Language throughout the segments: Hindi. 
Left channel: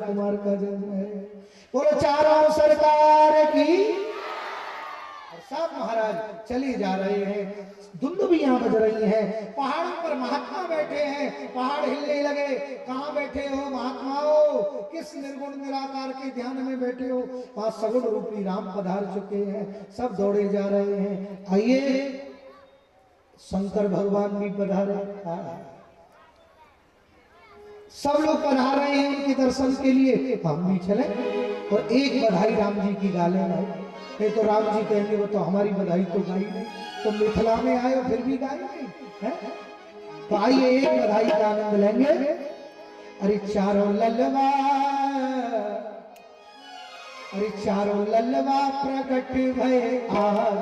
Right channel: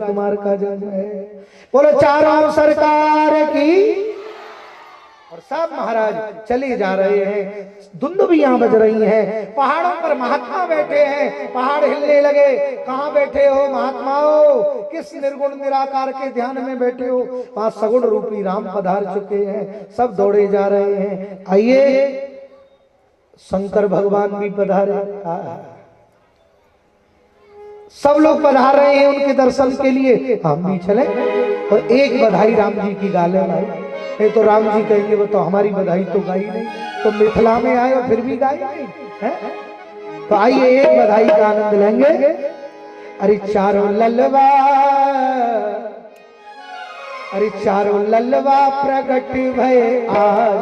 कुमार का जन्म है। बोलो चारों सरकार की। और सब महाराज चले जा रहे हैं, दुंदुभियां बज रही हैं, पहाड़ों पर महात्मा बैठे हैं, पहाड़ हिलने लगे। कहाँ बैठे हो महात्माओं, किस निर्गुण निराकार के ध्यान में बैठे हो? वहां सगुण रूपी राम पधार चुके हैं, सब दौड़े जा रहे हैं। आइए शंकर भगवान भी पधारे, सब लोग पधार रहे हैं उनके दर्शन के लिए, हम भी चले और एक बधाई राम जी की गा ले भाई। नहीं तो राम जी कहेंगे वो तो हमारी बधाई तो गाई नहीं, तो मिथिला में आए और फिर भी गाई नहीं है। तो आइए एक बधाई का आनंद लेंगे। अरे चारों ललवा, अरे चारों ललवा प्रकट भय आज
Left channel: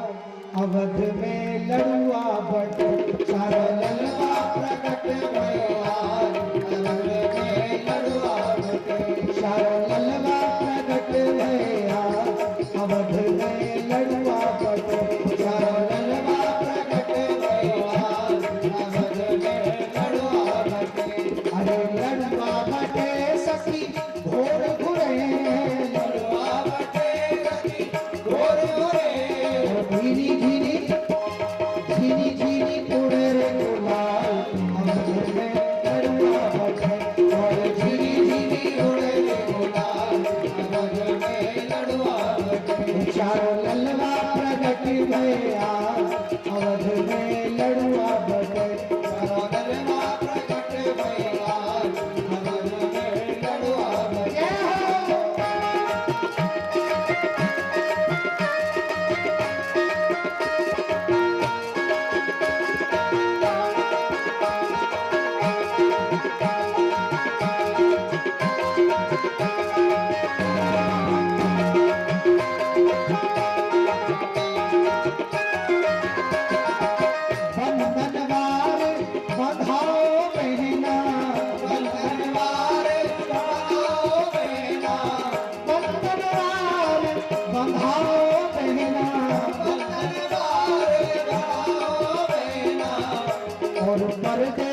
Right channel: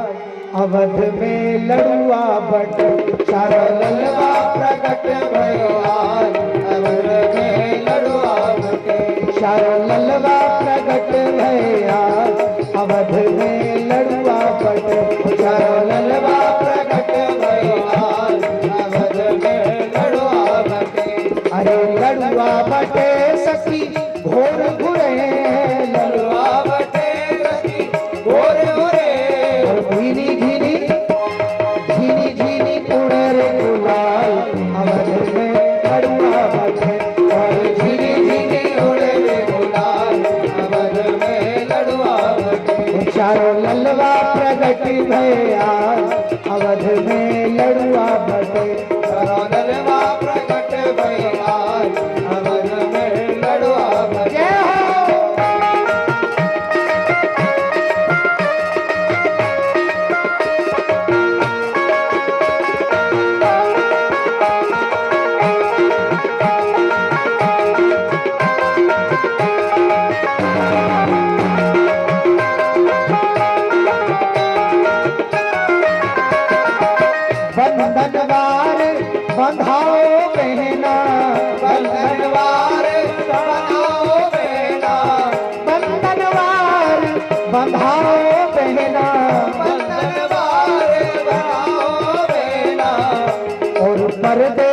अवध में लड़ुआ बट। चारों ललवा प्रकट भय आज अवध में लड़ुआ बट। चारों ललवा प्रकट भय आज अवध में लड़ुआ बट। चारों ललवा प्रकट भय आज अवध में लड़ुआ बट। अरे लड़ुआ बटे सखी घोर घुरे, लड़ुआ बटे सखी घोर घुरे। धीनी धीनी धीनी धीनी उड़े गुलाल अवध में लड़ुआ बटे। और धीनी धीनी उड़े गुलाल अवध में लड़ुआ बटे। चारों ललवा प्रगट भय आज अवध में लड़ुआ बटे। चारों ललवा प्रगट भय आज अवध में लड़ुआ बटे। बंधनवार बंधाओ बहना, बंधनवार बंधाओ बहना, बंधनवार बंधाओ बहना, बंधनवार बंधाओ बहना। और पर्दे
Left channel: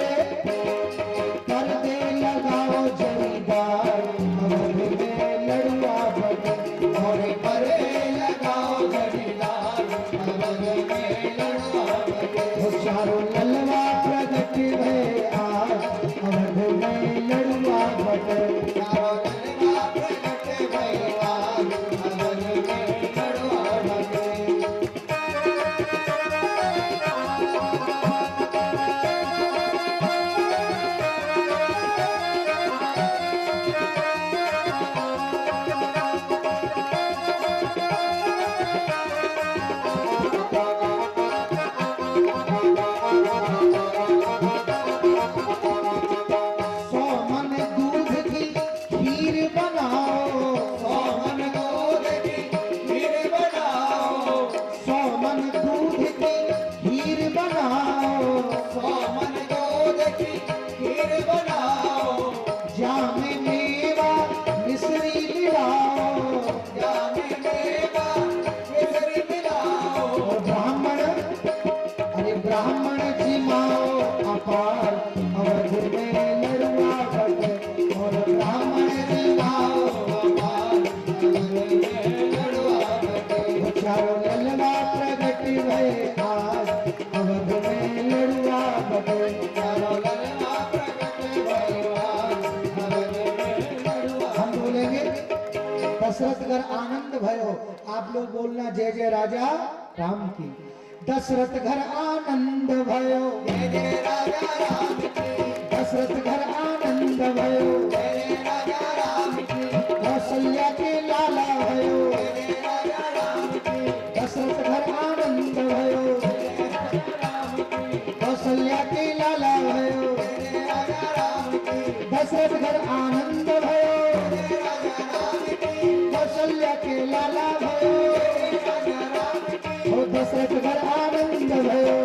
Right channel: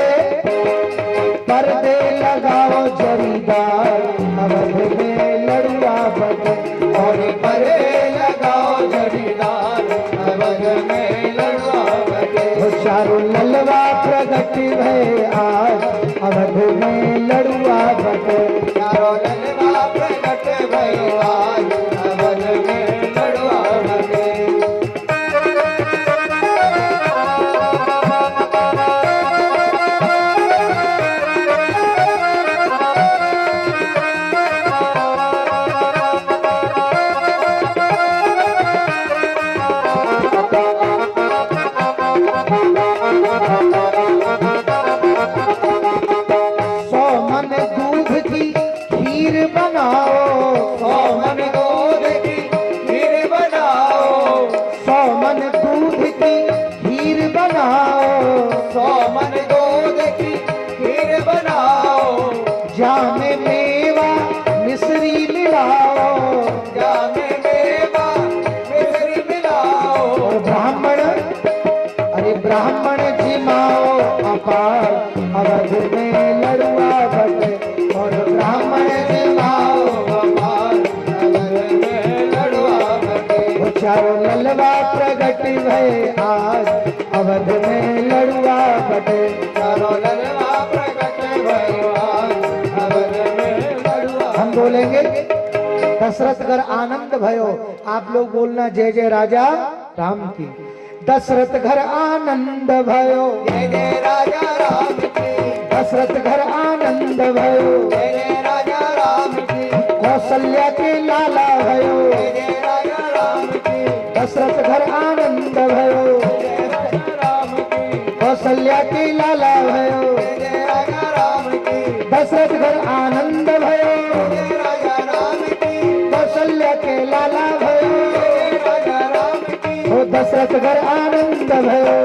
पर्दे लगाओ जरीदार अवध में लड़ुआ बटे। और पर्दे लगाओ जरीदार अवध में लड़ुआ बटे। चारों ललवा प्रगट भय आज अवध में लड़ुआ बटे। चारों ललवा प्रगट भय आज अवध में लड़ुआ बटे। जामे मेवा मिश्री मिलाओ, जामे मेवा मिश्री मिलाओ। और ब्राह्मण, अरे ब्राह्मण जिमाओ अपार अवध में लड़ुआ बटे। और ब्राह्मण जिमाओ अपार अवध में लड़ुआ बटे। चारों ललवा प्रगट भय आज अवध में लड़ुआ बटे। चारों ललवा प्रगट भय हम बोलेंगे दशरथ घर आनंद भयो। आप लोग बोलना जय जय राजा राम की। दशरथ घर आनंद भयो, जय जय राजा राम की। दशरथ घर आनंद भयो, जय जय राजा राम की। कौशल्या के लाला भयो, जय जय राजा राम की। दशरथ घर आनंद भयो, जय जय राजा राम की। कौशल्या के लाला भयो, जय जय राजा राम की। दशरथ घर आनंद भयो, कौशल्या के लाला भयो, राजा राम की। हो दशरथ घर आनंद भयो,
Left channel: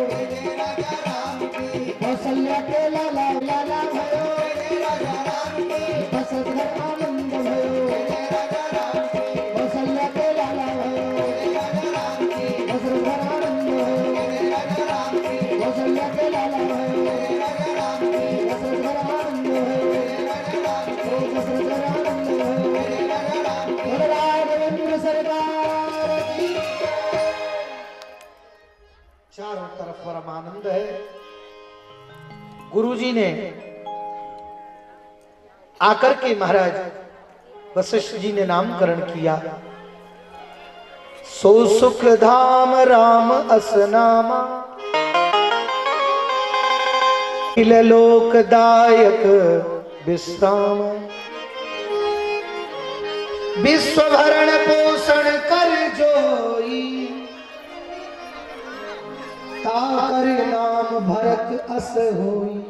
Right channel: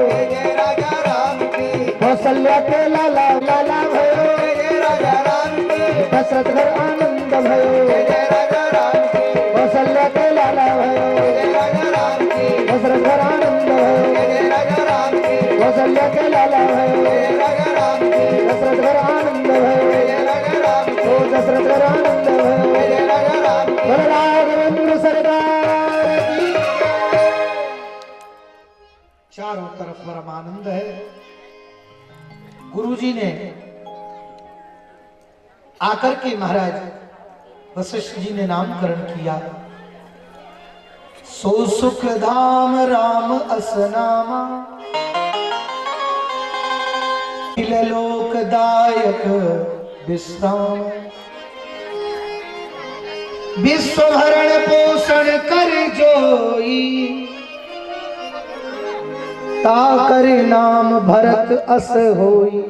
राजा राम की। कौशल्या के लाला लाला भयो, राजा राम की। दशरथ घर आनंद भयो, राजा राम की। कौशल्या के लाला भयो, राजा राम की। दशरथ घर आनंद भयो, राजा राम की। कौशल्या के लाला भयो, राजा राम की। दशरथ घर आनंद भयो, राजा राम की। दशरथ घर आनंद भयो। गुरुजी ने आकर के महाराज वशिष्ठ जी ने नामकरण किया। सो सुख धाम राम असनामा, लोकदायक विश्राम। विश्व भरण पोषण कर जोई, ताकर नाम भरत अस होई।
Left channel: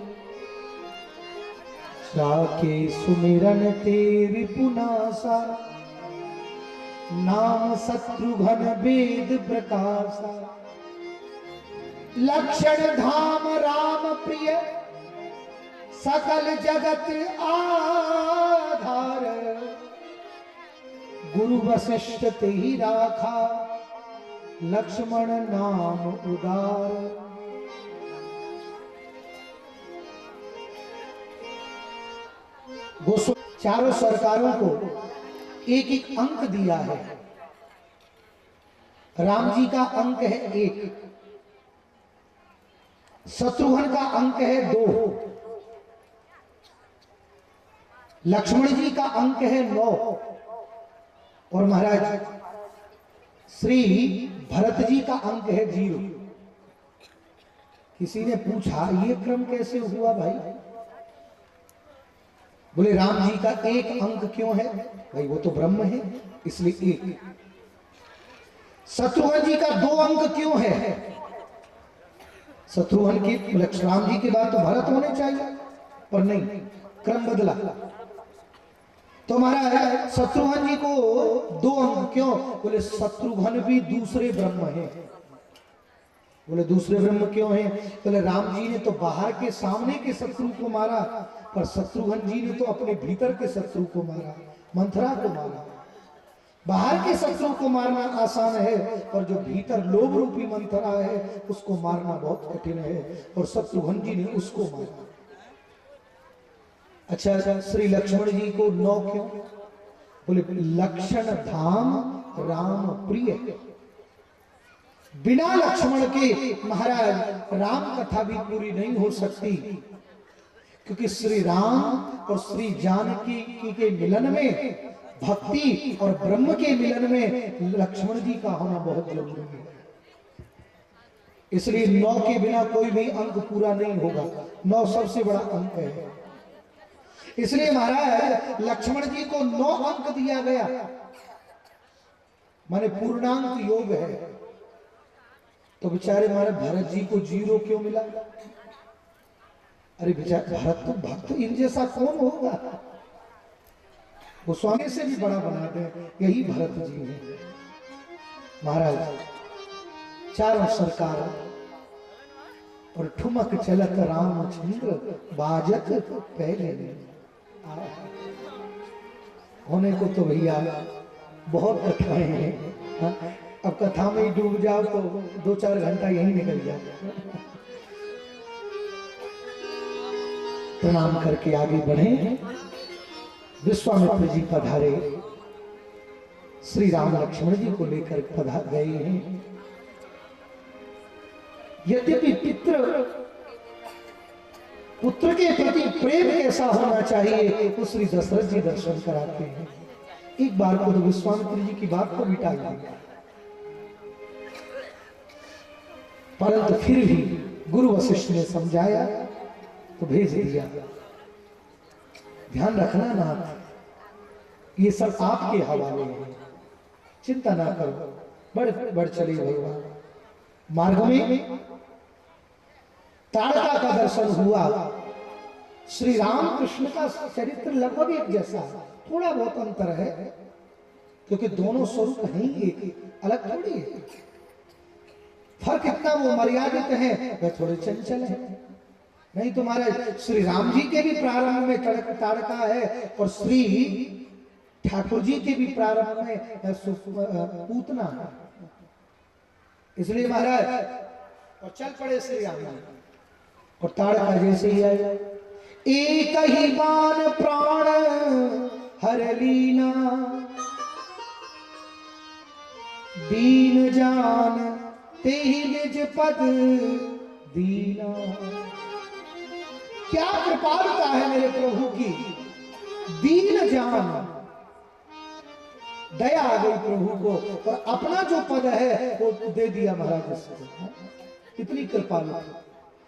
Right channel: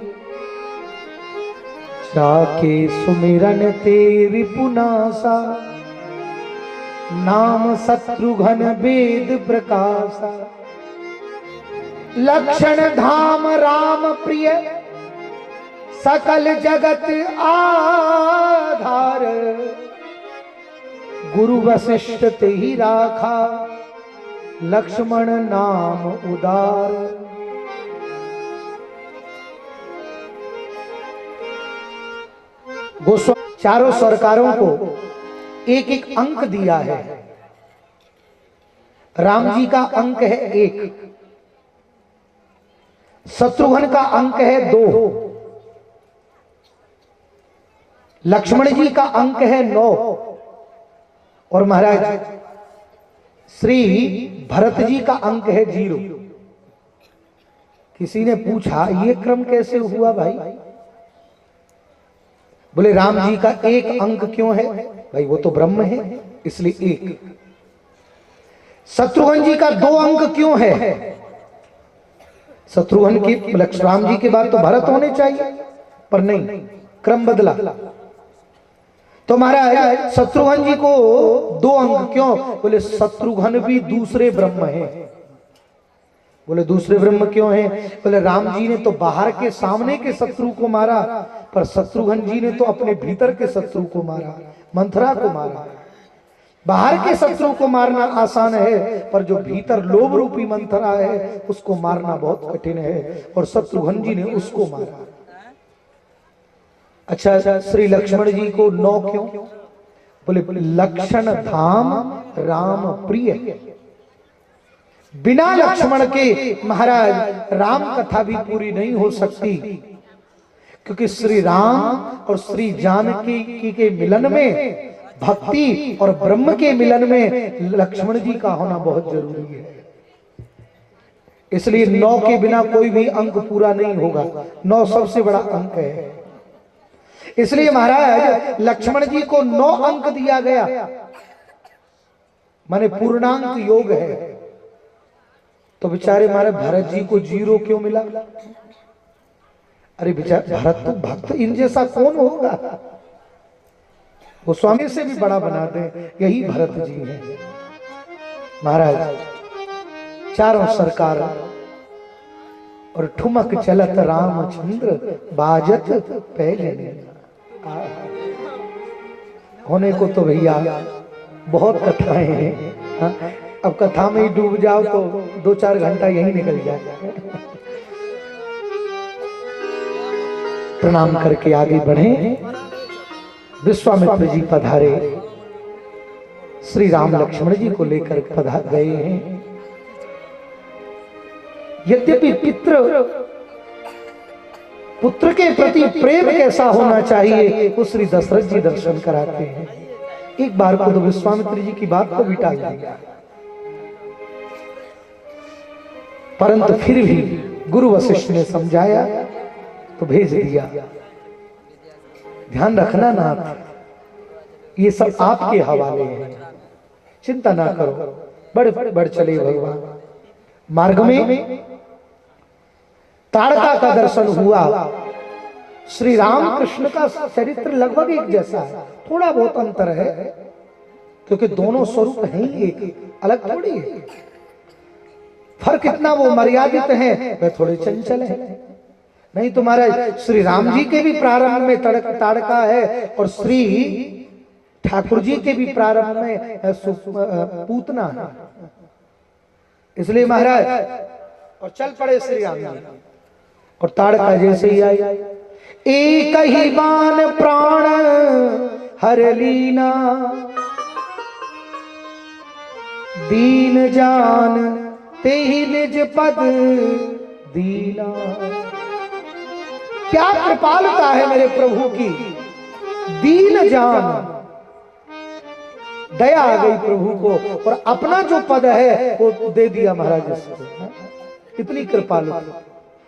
जाके सुमिरन तेरी पुनासा, नाम शत्रुघ्न वेद प्रकाशा। लक्षण धाम राम प्रिय, सकल जगत आधार। गुरु वशिष्ठ ते ही राखा, लक्ष्मण नाम उदार। गोस्वामी चारों सरकारों को एक एक अंक दिया है। राम जी का अंक है 1, शत्रुघ्न का अंक है 2, लक्ष्मण जी का अंक है 9 और महाराज श्री भरत जी का अंक है 0। किसी ने पूछा ये क्रम कैसे हुआ भाई? बोले राम जी का 1 अंक क्यों है भाई? वो तो ब्रह्म है इसलिए 1। शत्रुघ्न जी का 2 अंक क्यों है? शत्रुघ्न की राम जी के बाद तो भरत होने चाहिए, पर नहीं, क्रम बदला। तो महाराज शत्रुघ्न जी को 2 अंक क्यों? बोले शत्रुघ्न भी दूसरे ब्रह्म हैं। बोले दूसरे ब्रह्म क्यों हैं? बोले राम जी ने तो बाहर के सामने के शत्रु को मारा, पर शत्रुघ्न जी ने तो अपने भीतर के शत्रु को मारा, मंथरा को मारा। बाहर के शत्रु को मारना आसान है, पर जो भीतर लोभ रूपी मंथरा है उसको मारना बहुत कठिन है, और शत्रुघ्न जी ने उसको मारा। अच्छा, श्री लक्ष्मण जी को 9 क्यों? बोले लक्षण धाम राम प्रिय। बिना लक्ष्मण के महाराज राम कथा भी पूरी नहीं हो सकती, क्योंकि श्री राम और श्री जानकी के मिलन में, भक्ति और ब्रह्म के मिलन में लक्ष्मण जी का होना बहुत जरूरी है। इसलिए 9 के बिना कोई भी अंक पूरा नहीं होगा। 9 सबसे बड़ा अंक है, इसलिए महाराज लक्ष्मण जी को 9 अंक दिया गया, माने पूर्णांक योग है। तो बेचारे हमारे भरत जी को 0 क्यों मिला? अरे बेचारे भरत तो भक्त, इन जैसा कौन होगा? वो स्वामी से भी बड़ा बना दे, यही भरत जी है। महाराज चारों सरकार और ठुमक चलत रामचंद्र, बाजत पहले होने को तो भैया बहुत कथाएं हैं। हाँ? अब कथा में ही डूब जाओ तो 2-4 घंटा यही निकल जाए। प्रणाम करके आगे बढ़े। विश्वामित्र जी पधारे, श्री राम लक्ष्मण जी को लेकर पधार गए हैं। यद्यपि पुत्र के प्रति प्रेम कैसा होना चाहिए वो श्री दशरथ जी दर्शन कराते हैं। एक बार को तो विश्वामित्र जी की बात को भी टाल दिया, परंतु फिर भी गुरु वशिष्ठ ने समझाया तो भेज दिया। ध्यान रखना ना, ये सब आपके हवाले है, चिंता ना करो, बढ़ चले भगवान। मार्ग में ताड़का का दर्शन हुआ। श्री राम कृष्ण का चरित्र लगभग एक जैसा है, थोड़ा बहुत अंतर है, क्योंकि दोनों स्वरूप हैं ही एक, अलग थोड़ी है। फर्क इतना, वो मर्यादित हैं, वे थोड़े चंचल हैं। नहीं तो महाराज श्री राम जी के भी प्रारंभ में ताड़का है, और श्री ठाकुर जी के भी प्रारंभ में पूतना है। इसलिए महाराज और चल पड़े श्री राम जी, और ताड़का जैसे ही आई, एक ही बाण प्राण हर लीना, दीन जान ते ही निज पद दीना। क्या कृपालुता है मेरे प्रभु की, दीन जान, दया आ गई प्रभु को और अपना जो पद है वो दे दिया महाराज इसको। इतनी कृपालुता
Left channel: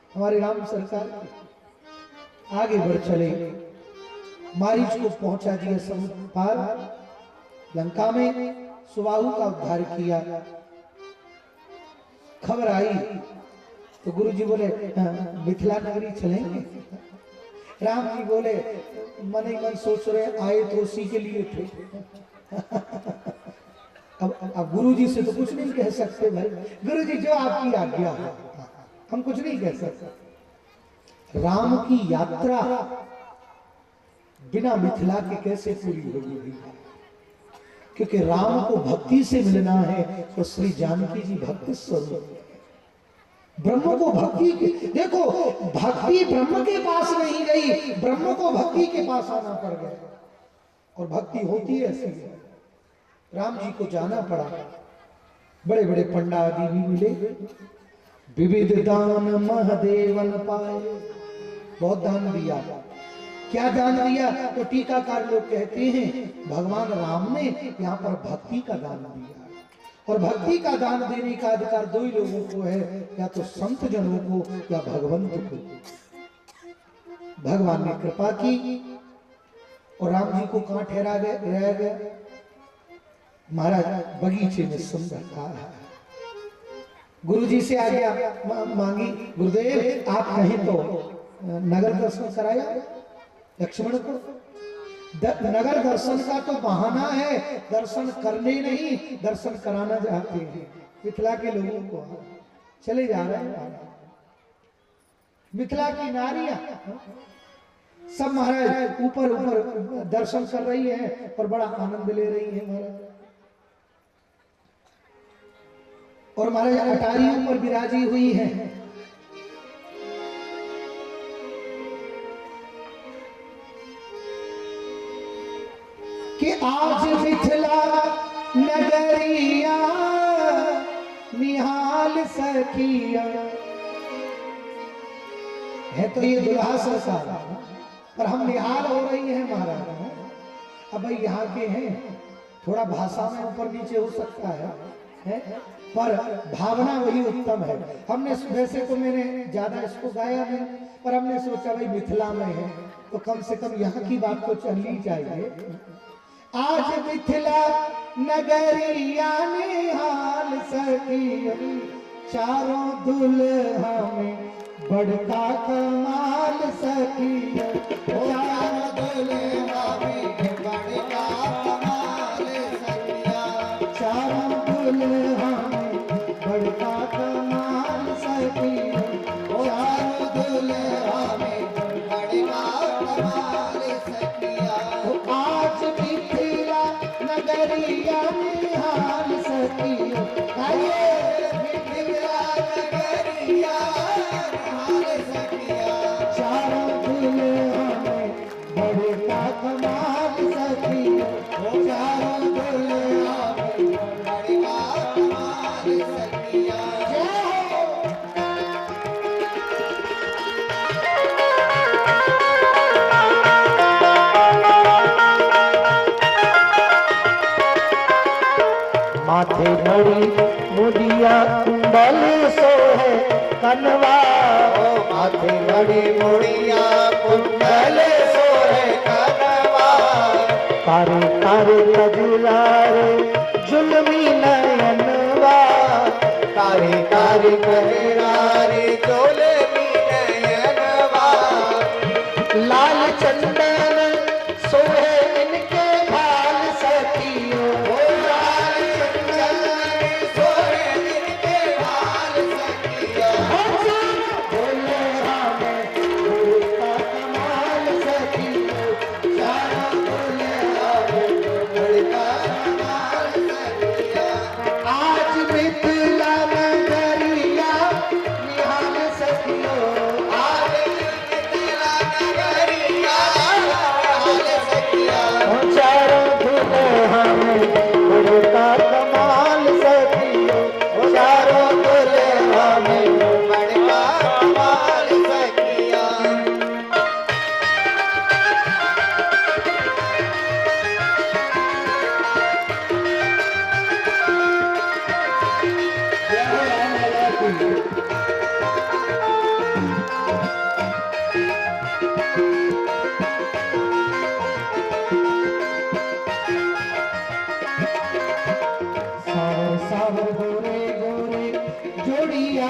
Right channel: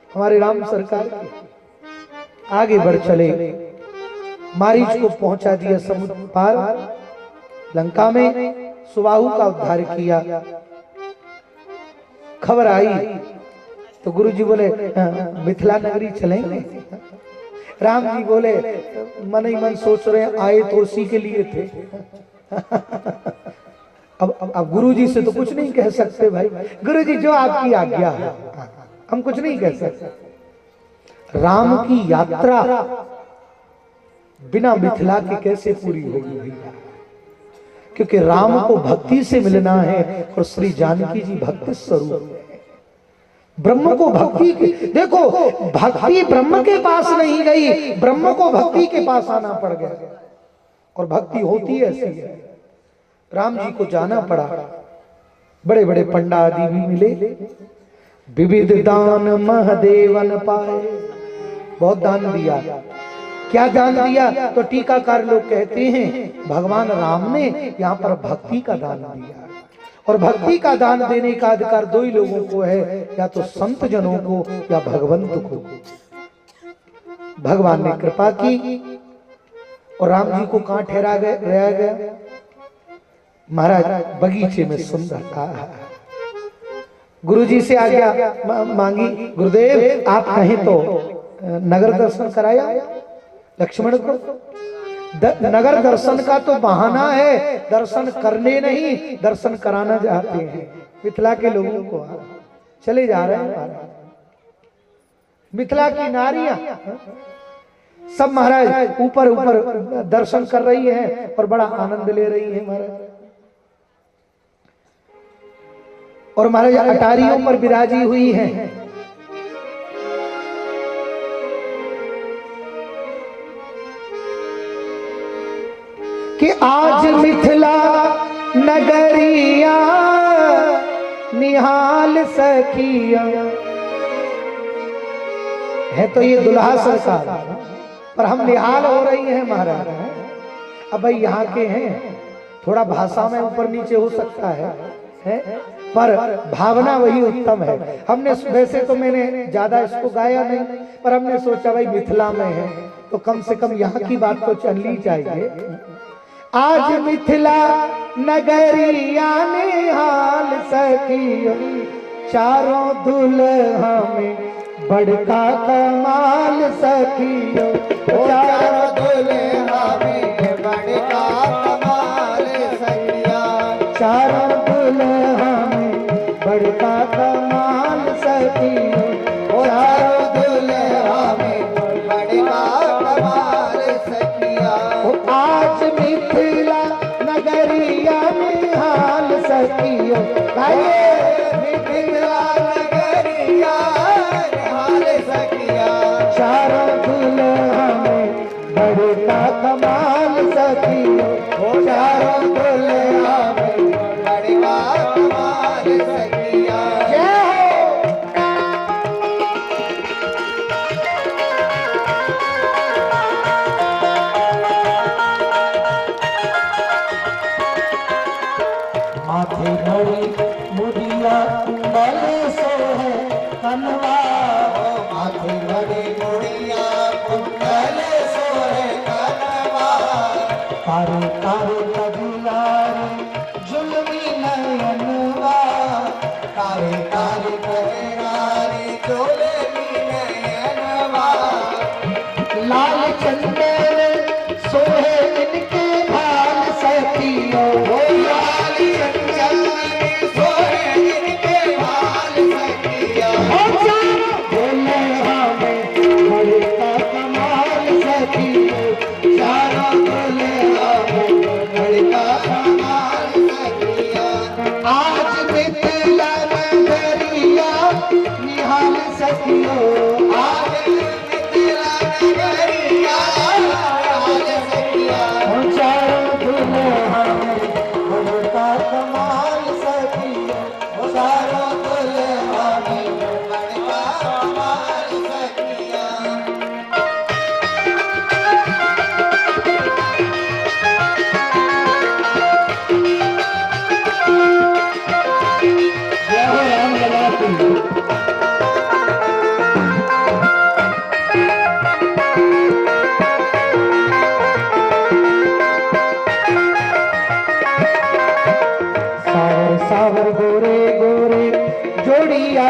हमारे राम सरकार की। आगे बढ़ चले, मारीच को पहुंचा दिया समुद्र पार, लंका में सुबाहु का उद्धार किया। खबर आई तो गुरु जी बोले मिथिला नगरी चलेंगे। राम जी बोले मन ही मन सोच रहे आए तो उसी के लिए थे। अब गुरु जी से तो कुछ नहीं कह सकते भाई, गुरु जी जो आपकी आज्ञा है, हम कुछ नहीं कह सकते। राम की यात्रा बिना मिथिला के कैसे पूरी होगी भैया, क्योंकि राम को भक्ति से मिलना है और श्री जानकी जी भक्ति स्वरूप है। ब्रह्म को भक्ति की, देखो भक्ति ब्रह्म के पास नहीं गई, ब्रह्म को भक्ति के पास आना पड़ गया। और भक्ति होती ऐसी है। राम जी को जाना पड़ा, बड़े बड़े पंडा आदि भी मिले, विविध दान महादेवन पाए, बहुत दान दिया। क्या दान दिया तो टीकाकार लोग कहते हैं भगवान राम ने यहाँ पर भक्ति का दान दिया। और भक्ति का दान देने का अधिकार दो ही लोगों को है, या तो संत जनों को या भगवंत को। भगवान ने कृपा की और राम जी को कहां ठहरा गया महाराज, बगीचे में सुंदर था। गुरु जी से आज्ञा मांगी, गुरुदेव आप कहें तो नगर दर्शन कराया लक्ष्मण को। नगर दर्शन का तो बहाना है, दर्शन करने नहीं दर्शन कराना चाहते हैं मिथिला के लोगों को। चले जा रहे हैं मिथिला की नारियां सब महाराज ऊपर ऊपर दर्शन कर रही हैं और बड़ा आनंद ले रही हैं महाराज। और महाराज अटारियों पर विराजी हुई हैं। कि आज मिथिला नगरिया निहाल सखिया है, तो ये दुल्हा सरकार, पर हम निहाल हो रही हैं महाराज। अब भाई यहाँ के हैं, थोड़ा भाषा में ऊपर नीचे हो सकता है पर भावना वही उत्तम है। हमने वैसे तो मैंने ज्यादा इसको गाया नहीं, पर हमने सोचा भाई मिथिला में है तो कम से कम यहाँ की बात तो चलनी चाहिए। आज मिथिला नगरिया निहाल सखिया, चारों दुल्हा में बड़का कमाल सखिया, चारों दुल्हा में बड़का कमाल सखिया, चारों दुल्हा में बड़का कमाल सखिया, चारों दुल्हा में बड़का कमाल सखिया। आज मिथिला नगरिया निहाल सखिया, मिथिला नगरिया निहाल सखिया, चारों दुल्हा में बड़का कमाल सखिया, चारों दुल्हा में बड़का कमाल सखिया। माथे बड़ी मुड़िया कुंडल सोहे कनवा, माथे बड़ी मुड़िया कुंडल सोहे कनवा, कारे कारे कजरार जुल्मी नयनवा, कारे कारे कजरार जुल्मी नयनवा, लाल चंदन सोहे इनके भाल सखियो, आज मिथिला नगरिया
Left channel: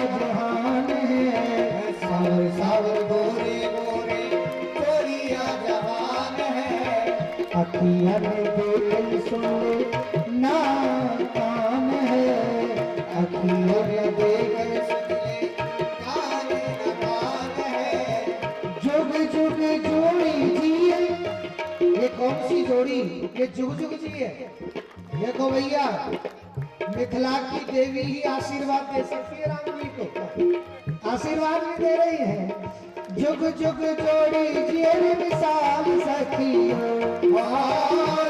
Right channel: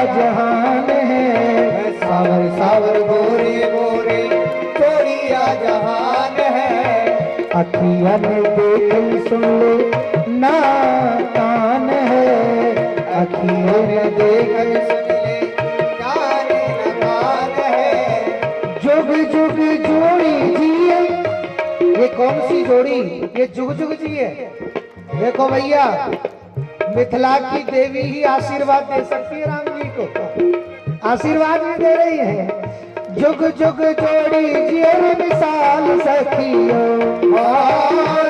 जहान है, सावर सावर गोरे गोरे चोरिया जहान है। अखियाँ ने देख सुन ले ना कान है, अखियों ने देख सुन ले कान न कान है। जुग जुग जोड़ी जिए, ये कौन सी जोड़ी? ये जुग जुग जिए। देखो भैया, मिथिला की देवी ही आशीर्वाद दे सकती है राम जी को, आशीर्वाद भी दे रही है। जुग जुग जोड़ी जिए मिसाल सखियों,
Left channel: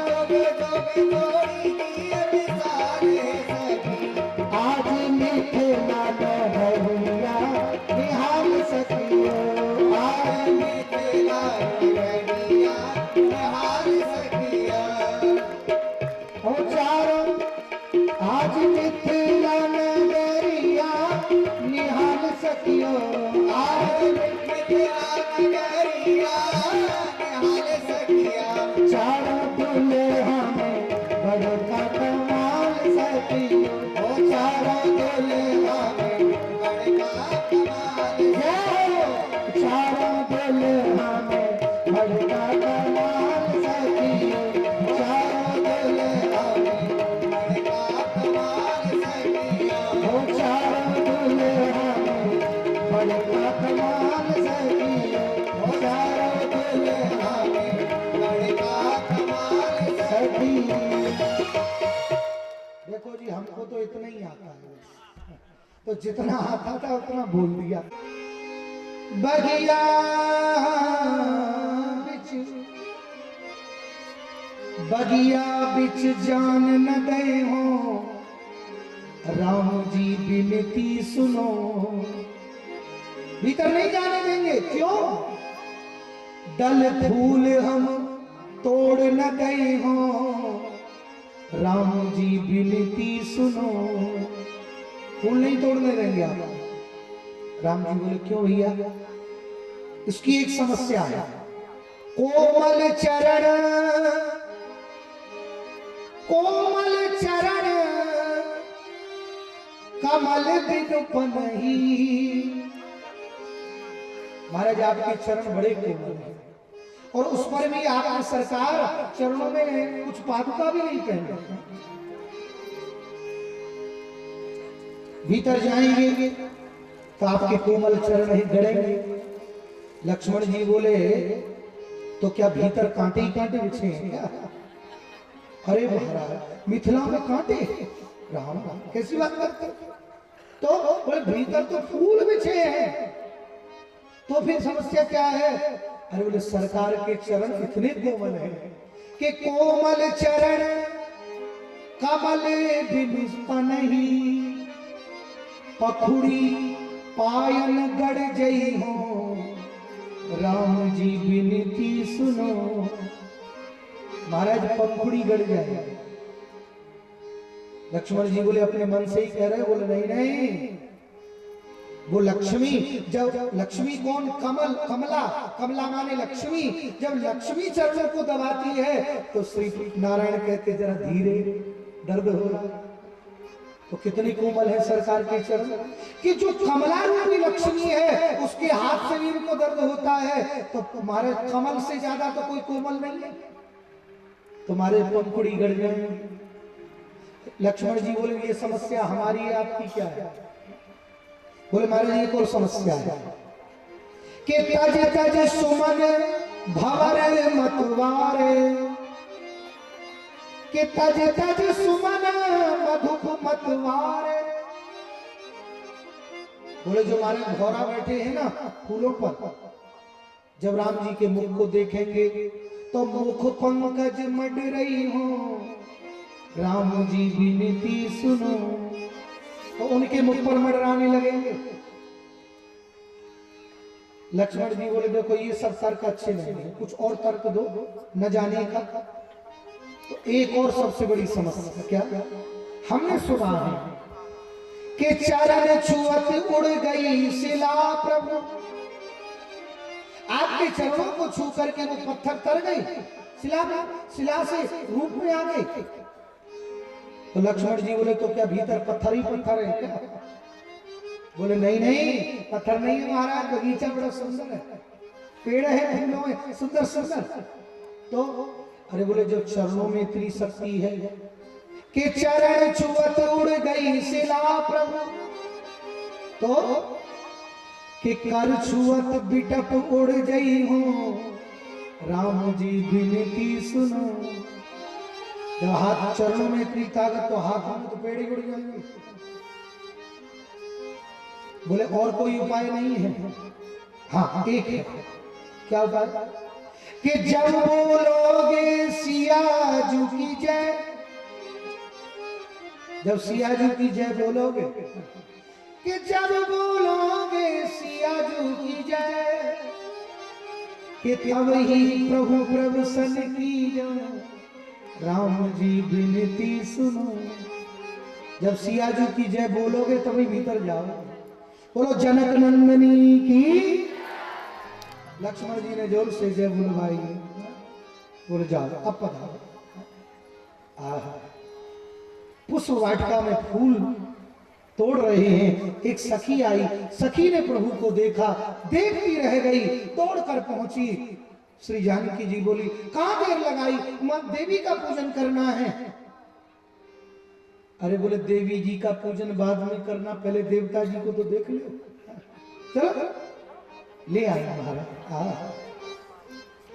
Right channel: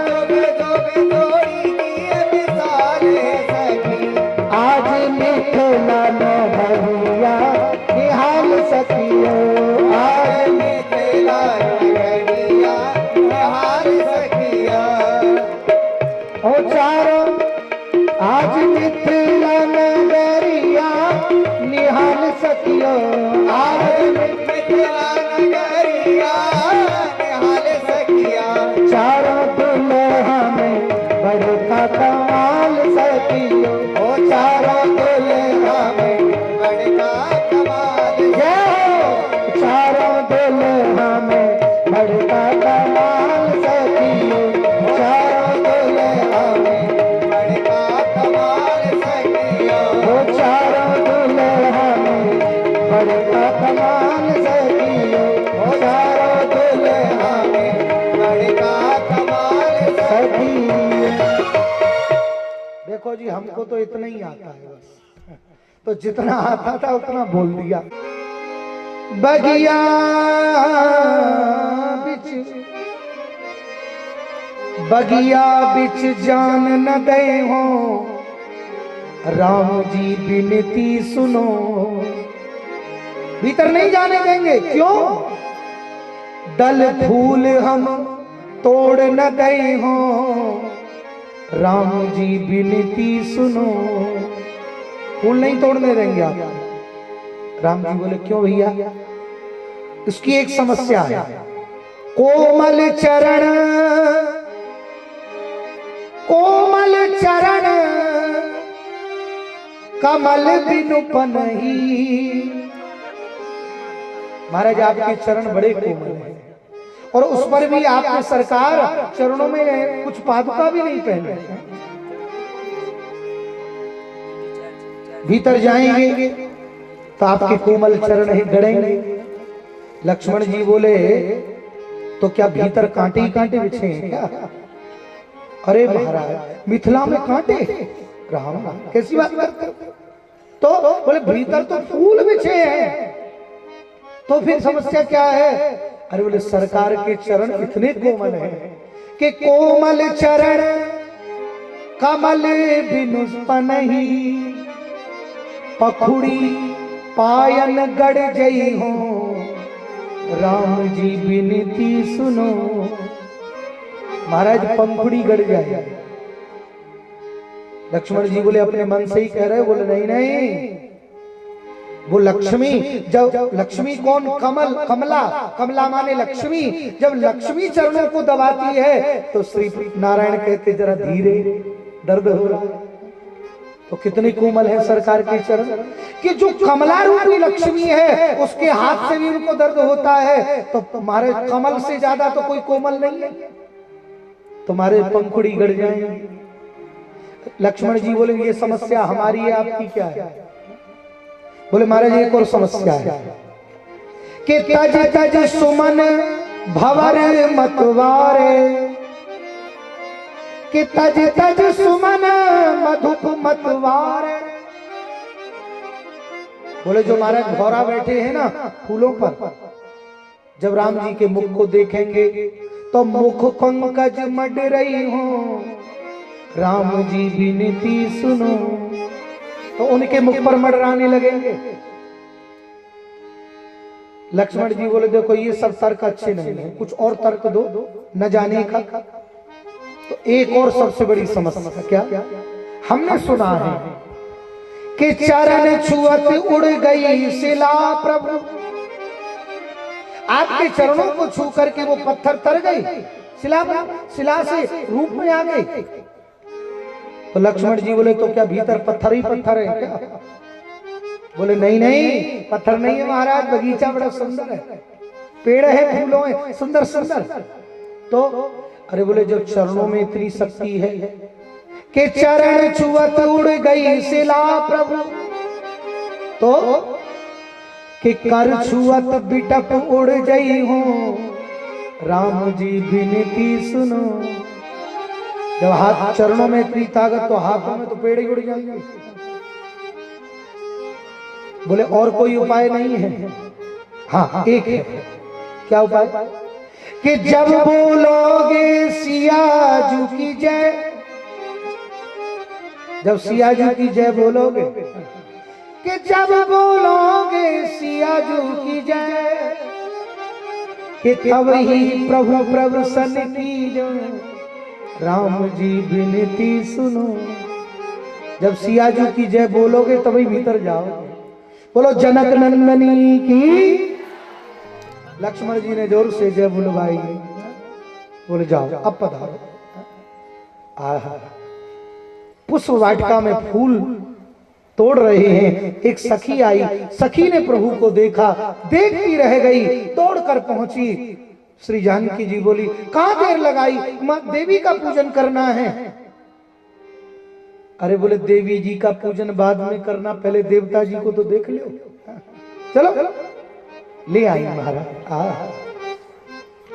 जुग जुग जोड़ी जिए मिसाल सखी। आज मिथिला न भैया निहाल सखियों, आज मिथिला नगरिया निहाल सखिया। ओ चारों आज मिथिला नगरिया निहाल सखियो, आज मिथिला नगरिया निहाल सखिया। चारों दुल्हा में बड़का कमाल सखियो, ओ चारों दुल्हा में बड़का कमाल। चारों दुल्हा में बड़का कमाल सखियो, चारों दुल्हा में बड़का कमाल सखियो, ओ चारों दुल्हा में बड़का कमाल सखियो, ओ चारों दुल्हा में बड़का कमाल सखियो। देखो जी, हमको तो इतना ही आता है बस, तो जितना आता था उतना बोल दिया। बगिया बिच, बगिया बिच जान न दे हो, राम जी बिनती सुनो। भीतर नहीं जाने देंगे, क्यों? दल फूल हम तोड़ न दे हो, राम जी बिनती सुनो। फूल नहीं तोड़ने देंगे आप। राम जी बोले क्यों भैया? इसकी एक समस्या है। कोमल चरण, कोमल चरण कमल बिनु पनही। महाराज आपके चरण बड़े कोमल हैं, और उस पर भी आपने सरकार चरणों में कुछ पादुका भी नहीं पहने। भीतर जाएंगे तो आपके कोमल चरण ही गड़ेंगे। लक्ष्मण जी बोले तो क्या भीतर कांटे ही कांटे बिछे हैं क्या? अरे महाराज, मिथिला में कांटे? राम कैसी बात करते? तो बोले भीतर तो फूल बिछे हैं, तो फिर समस्या क्या है? अरे बोले सरकार के चरण इतने कोमल हैं कि कोमल चरण कमल बिनु पनही, पखुड़ी पायन गढ़ जई हो, राम जी बिनती सुनो। महाराज पंखुड़ी गढ़ जाए। लक्ष्मण जी बोले अपने मन से ही कह रहे, बोले नहीं नहीं, वो लक्ष्मी, जब लक्ष्मी कौन? कमल, कमला, कमला माने लक्ष्मी। जब लक्ष्मी चरणों को दबाती है तो श्री नारायण कहते जरा धीरे, दर्द हो रहा। तो कितनी कोमल है सरकार के चरण कि जो कमला रूपी लक्ष्मी है उसके हाथ से भी उनको दर्द होता है। तो तुम्हारे कमल से ज्यादा तो कोई कोमल नहीं है, तुम्हारे पंखुड़ी गड़ जाएंगे। लक्ष्मण जी बोले ये समस्या हमारी है, आपकी क्या है? बोले महाराज एक और समस्या है कि तज तज सुमन भवर मतवारे, कि तज तज सुमन मधुप मतवारे। बोले जो महाराज भौरा बैठे हैं ना फूलों पर, जब राम जी के मुख को देखेंगे तो मुख पंकज मड रही हो, राम जी विनती सुनो। तो उनके मुख पर मडराने लगेंगे। लक्ष्मण जी बोले देखो ये सब तर्क अच्छे नहीं है, कुछ और तर्क दो न जाने का। तो एक और सबसे बड़ी समस्या क्या? हमने सुना है कि चरण छुअत उड़ गई शिला प्रभु, आपके चरणों को छू करके वो पत्थर तर गई, शिला से रूप में आ गई। तो लक्ष्मण जी बोले तो क्या भीतर पत्थर ही पत्थर है क्या? बोले नहीं नहीं, पत्थर नहीं है महाराज, बगीचा बड़ा सुंदर है, पेड़ है, फूलों है, सुंदर सुंदर। तो अरे बोले जब चरणों में इतनी शक्ति है कि चरण छुअत उड़ गई शिला प्रभु, तो कि कर छुअत बिटप उड़ गई हूँ, राम जी विनती सुनो। जब हाथ चरणों में इतनी ताकत तो हाथों में तो पेड़ ही उड़ जाएंगे। बोले और कोई उपाय नहीं है? हाँ एक है। क्या उपाय? कि जब बोलोगे सियाजू की जय, जब सियाजू की जय बोलोगे, कि जब बोलोगे सियाजू की जय, कि तब ही प्रभु प्रसन्न की जो, राम जी विनती सुनो। जब सियाजू की जय बोलोगे तभी भीतर जाओगे। बोलो जनक नंदनी की। लक्ष्मण जी ने जोर से जय बुलवाई। बोले जाओ अब पधारो। पुष्प वाटिका में फूल तोड़ रहे हैं, एक सखी आई, सखी ने प्रभु को देखा, देखती रह गई, दौड़कर पहुंची। श्री जानकी जी बोली कहां देर लगाई, मां देवी का पूजन करना है। अरे बोले देवी जी का पूजन बाद में करना, पहले देवता जी को तो देख लो। चलो ले आई महाराज।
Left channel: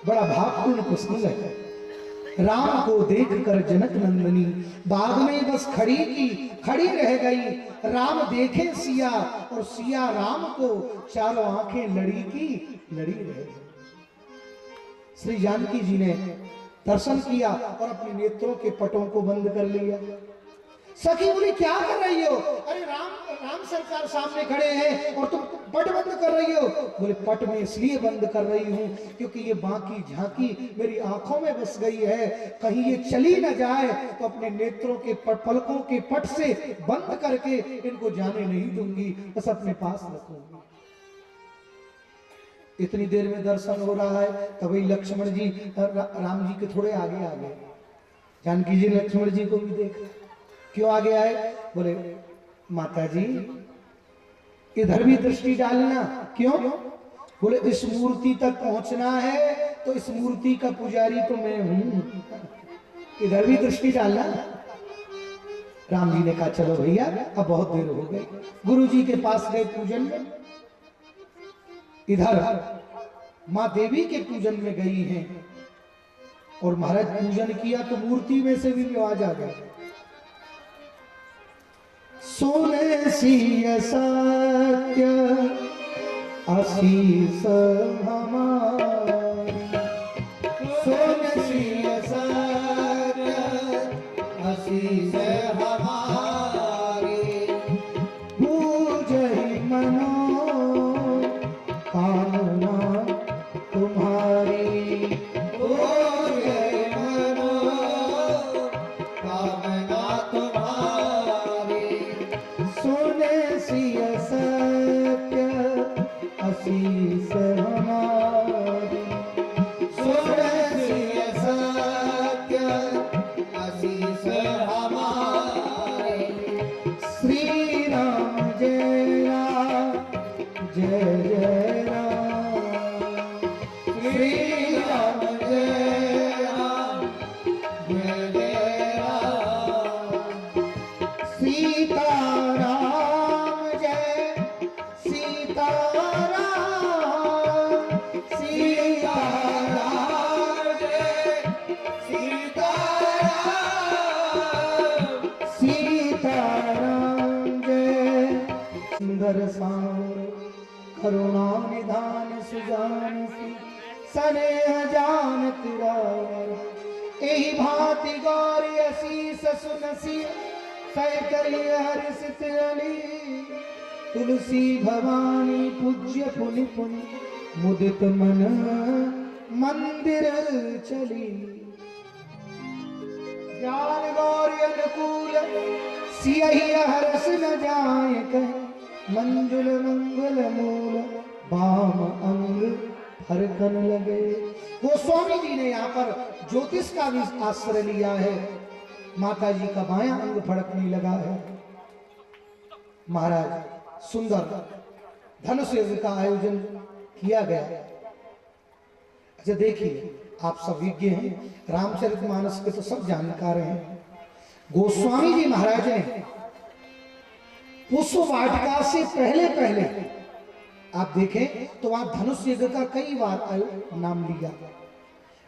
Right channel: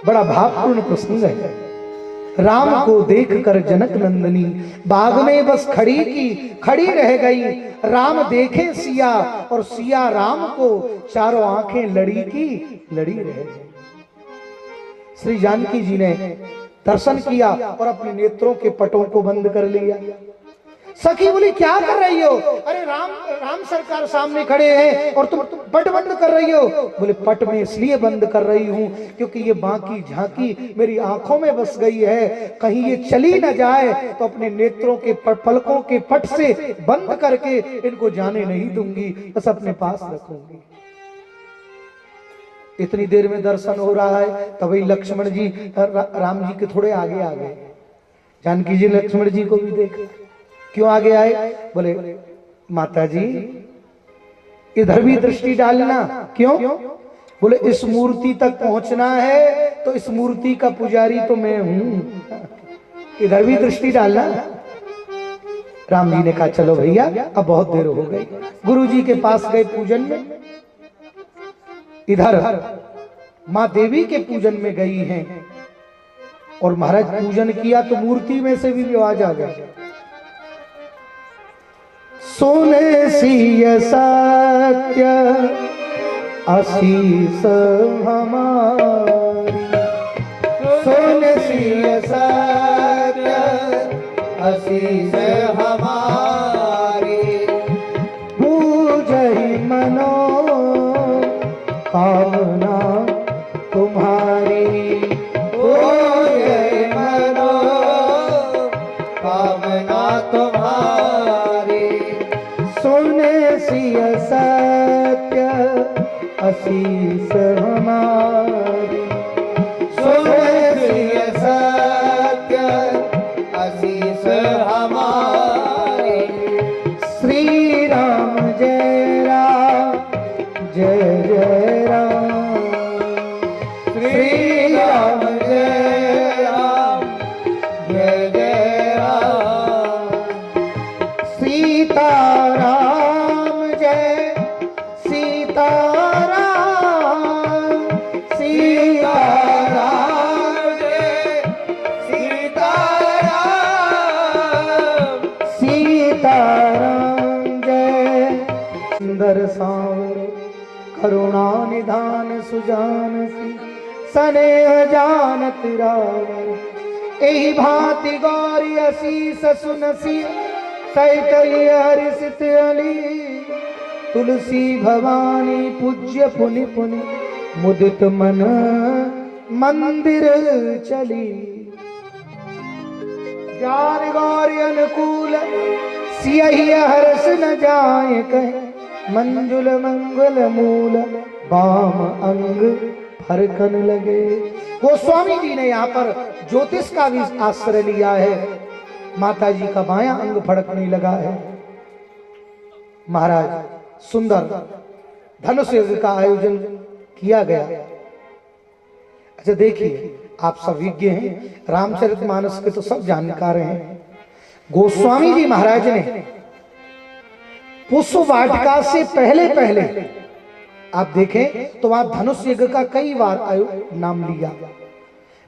बड़ा भावपूर्ण प्रसंग है। राम को देखकर जनक नंदनी बाग में बस खड़ी रह गई। राम देखे सिया और सिया राम को, चारों आंखें लड़ी रह गई। श्री जानकी जी ने दर्शन किया और अपने नेत्रों के पटों को बंद कर लिया। सखी बोली क्या कर रही हो? अरे राम सरकार सामने खड़े हैं और तुम पट बंद कर रही हो। बोले पट में इसलिए बंद कर रही हूं क्योंकि ये बाकी झांकी मेरी आंखों में बस गई है, कहीं ये चली न जाए तो अपने नेत्रों के पलकों के पट से बंद करके इनको जाने नहीं दूंगी, बस अपने पास रखूंगी। इतनी देर में दर्शन हो रहा है, तभी लक्ष्मण जी राम जी के थोड़े आगे आ गए। जानकी जी लक्ष्मण जी को भी देखा। क्यों आगे आए? बोले माता जी इधर भी दृष्टि डालना। क्यों? बोले इस मूर्ति तक पहुंचना है तो इस मूर्ति का पुजारी तो मैं हूं, इधर भी दृष्टि डालना। राम जी ने कहा चलो भैया अब बहुत देर हो गई। गुरु जी के पास गए पूजन में, इधर मां देवी के पूजन में गई हैं और महाराज पूजन किया तो मूर्ति में से भी आवाज आ गया, सोने सिय सत्य आशीष हमारी, सोने सिय सत्य आशीष हमारी, पूजहि मनो कामना तुम्हारी, पूजहि मनो कामना तुम्हारी, सोने सिय सत्य आशीष हमारी, सोने सिय सत्य आशीष हमारी। श्री राम जय राम जय जय राम, श्री राम जय राम जय जय राम, सीता राम जय सीता राम, सीता राम जय सीता राम, सीता राम जय। सुंदर सांवर करुणा निधान सुजान सी, स्नेह जानत राम, एहि भांति गौरी असीस सुनसी, सैकई हर्षित अली, तुलसी भवानी पूज्य पुनि पुनि, मुदित मन मंदिर चली। ज्ञान गौरी अनुकूल सियहि हर्ष न जाए कहे, मंजुल मंगल मूल बाम अंग फरकन लगे। गोस्वामी जी ने यहाँ पर ज्योतिष का भी आश्रय लिया है। माता जी का बायां अंग फड़कने लगा है। महाराज सुंदर धनुष यज्ञ का आयोजन किया गया। अच्छा देखिए, आप सब विज्ञ हैं, रामचरितमानस के तो सब जानकार हैं। गोस्वामी जी महाराज ने पुष्प वाटिका से पहले पहले आप देखें तो वहां धनुष यज्ञ का कई बार नाम लिया,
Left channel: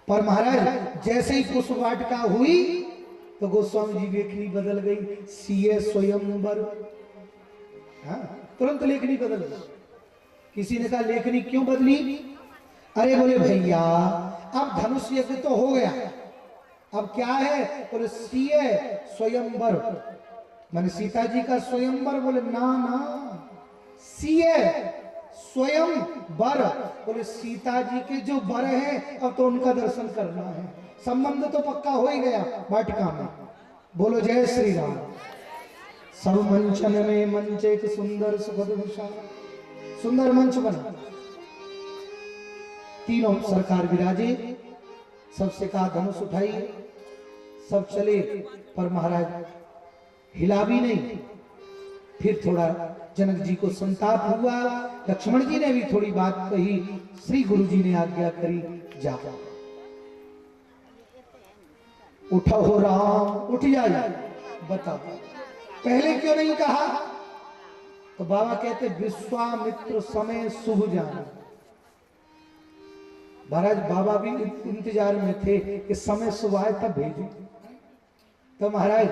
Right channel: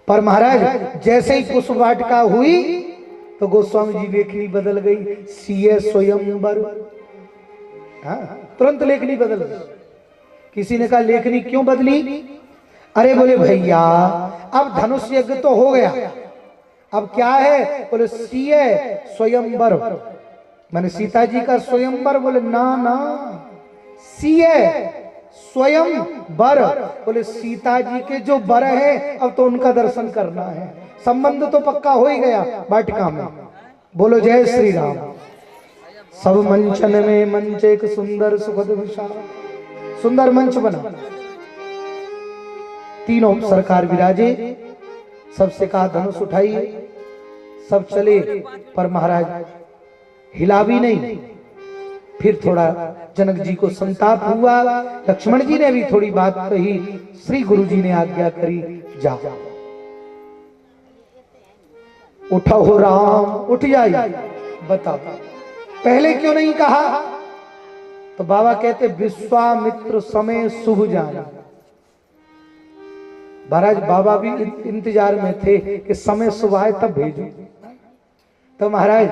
पर महाराज जैसे ही पुष्प वाटिका हुई तो गोस्वामी जी लेखनी बदल गई, सीए स्वयंवर। हाँ, तुरंत लेखनी बदल गई। किसी ने कहा लेखनी क्यों बदली? अरे बोले भैया अब धनुष यज्ञ तो हो गया, अब क्या है? बोले सीए स्वयंवर, मैंने सीता जी का स्वयंवर। बोले ना ना, सीए स्वयं वर। बोले सीता जी के जो वर है अब तो उनका दर्शन करना है, संबंध तो पक्का हो ही गया वाटिका में। बोलो जय श्री राम। सब मंचन में मंच एक सुंदर सुखद विशाल, सुंदर मंच बना, तीनों सरकार विराजे, सबसे कहा धनुष उठाइए, सब चले, पर महाराज हिला भी नहीं। फिर थोड़ा जनक जी को संताप हुआ, लक्ष्मण जी ने भी थोड़ी बात कही, श्री गुरु जी ने आज्ञा करी, जा उठो हो राम, उठ जाइए। बताओ पहले क्यों नहीं कहा? तो बाबा कहते विश्वामित्र समय शुभ जाना। महाराज बाबा भी इंतजार में थे कि समय शुभ आए तब भेजो। तो महाराज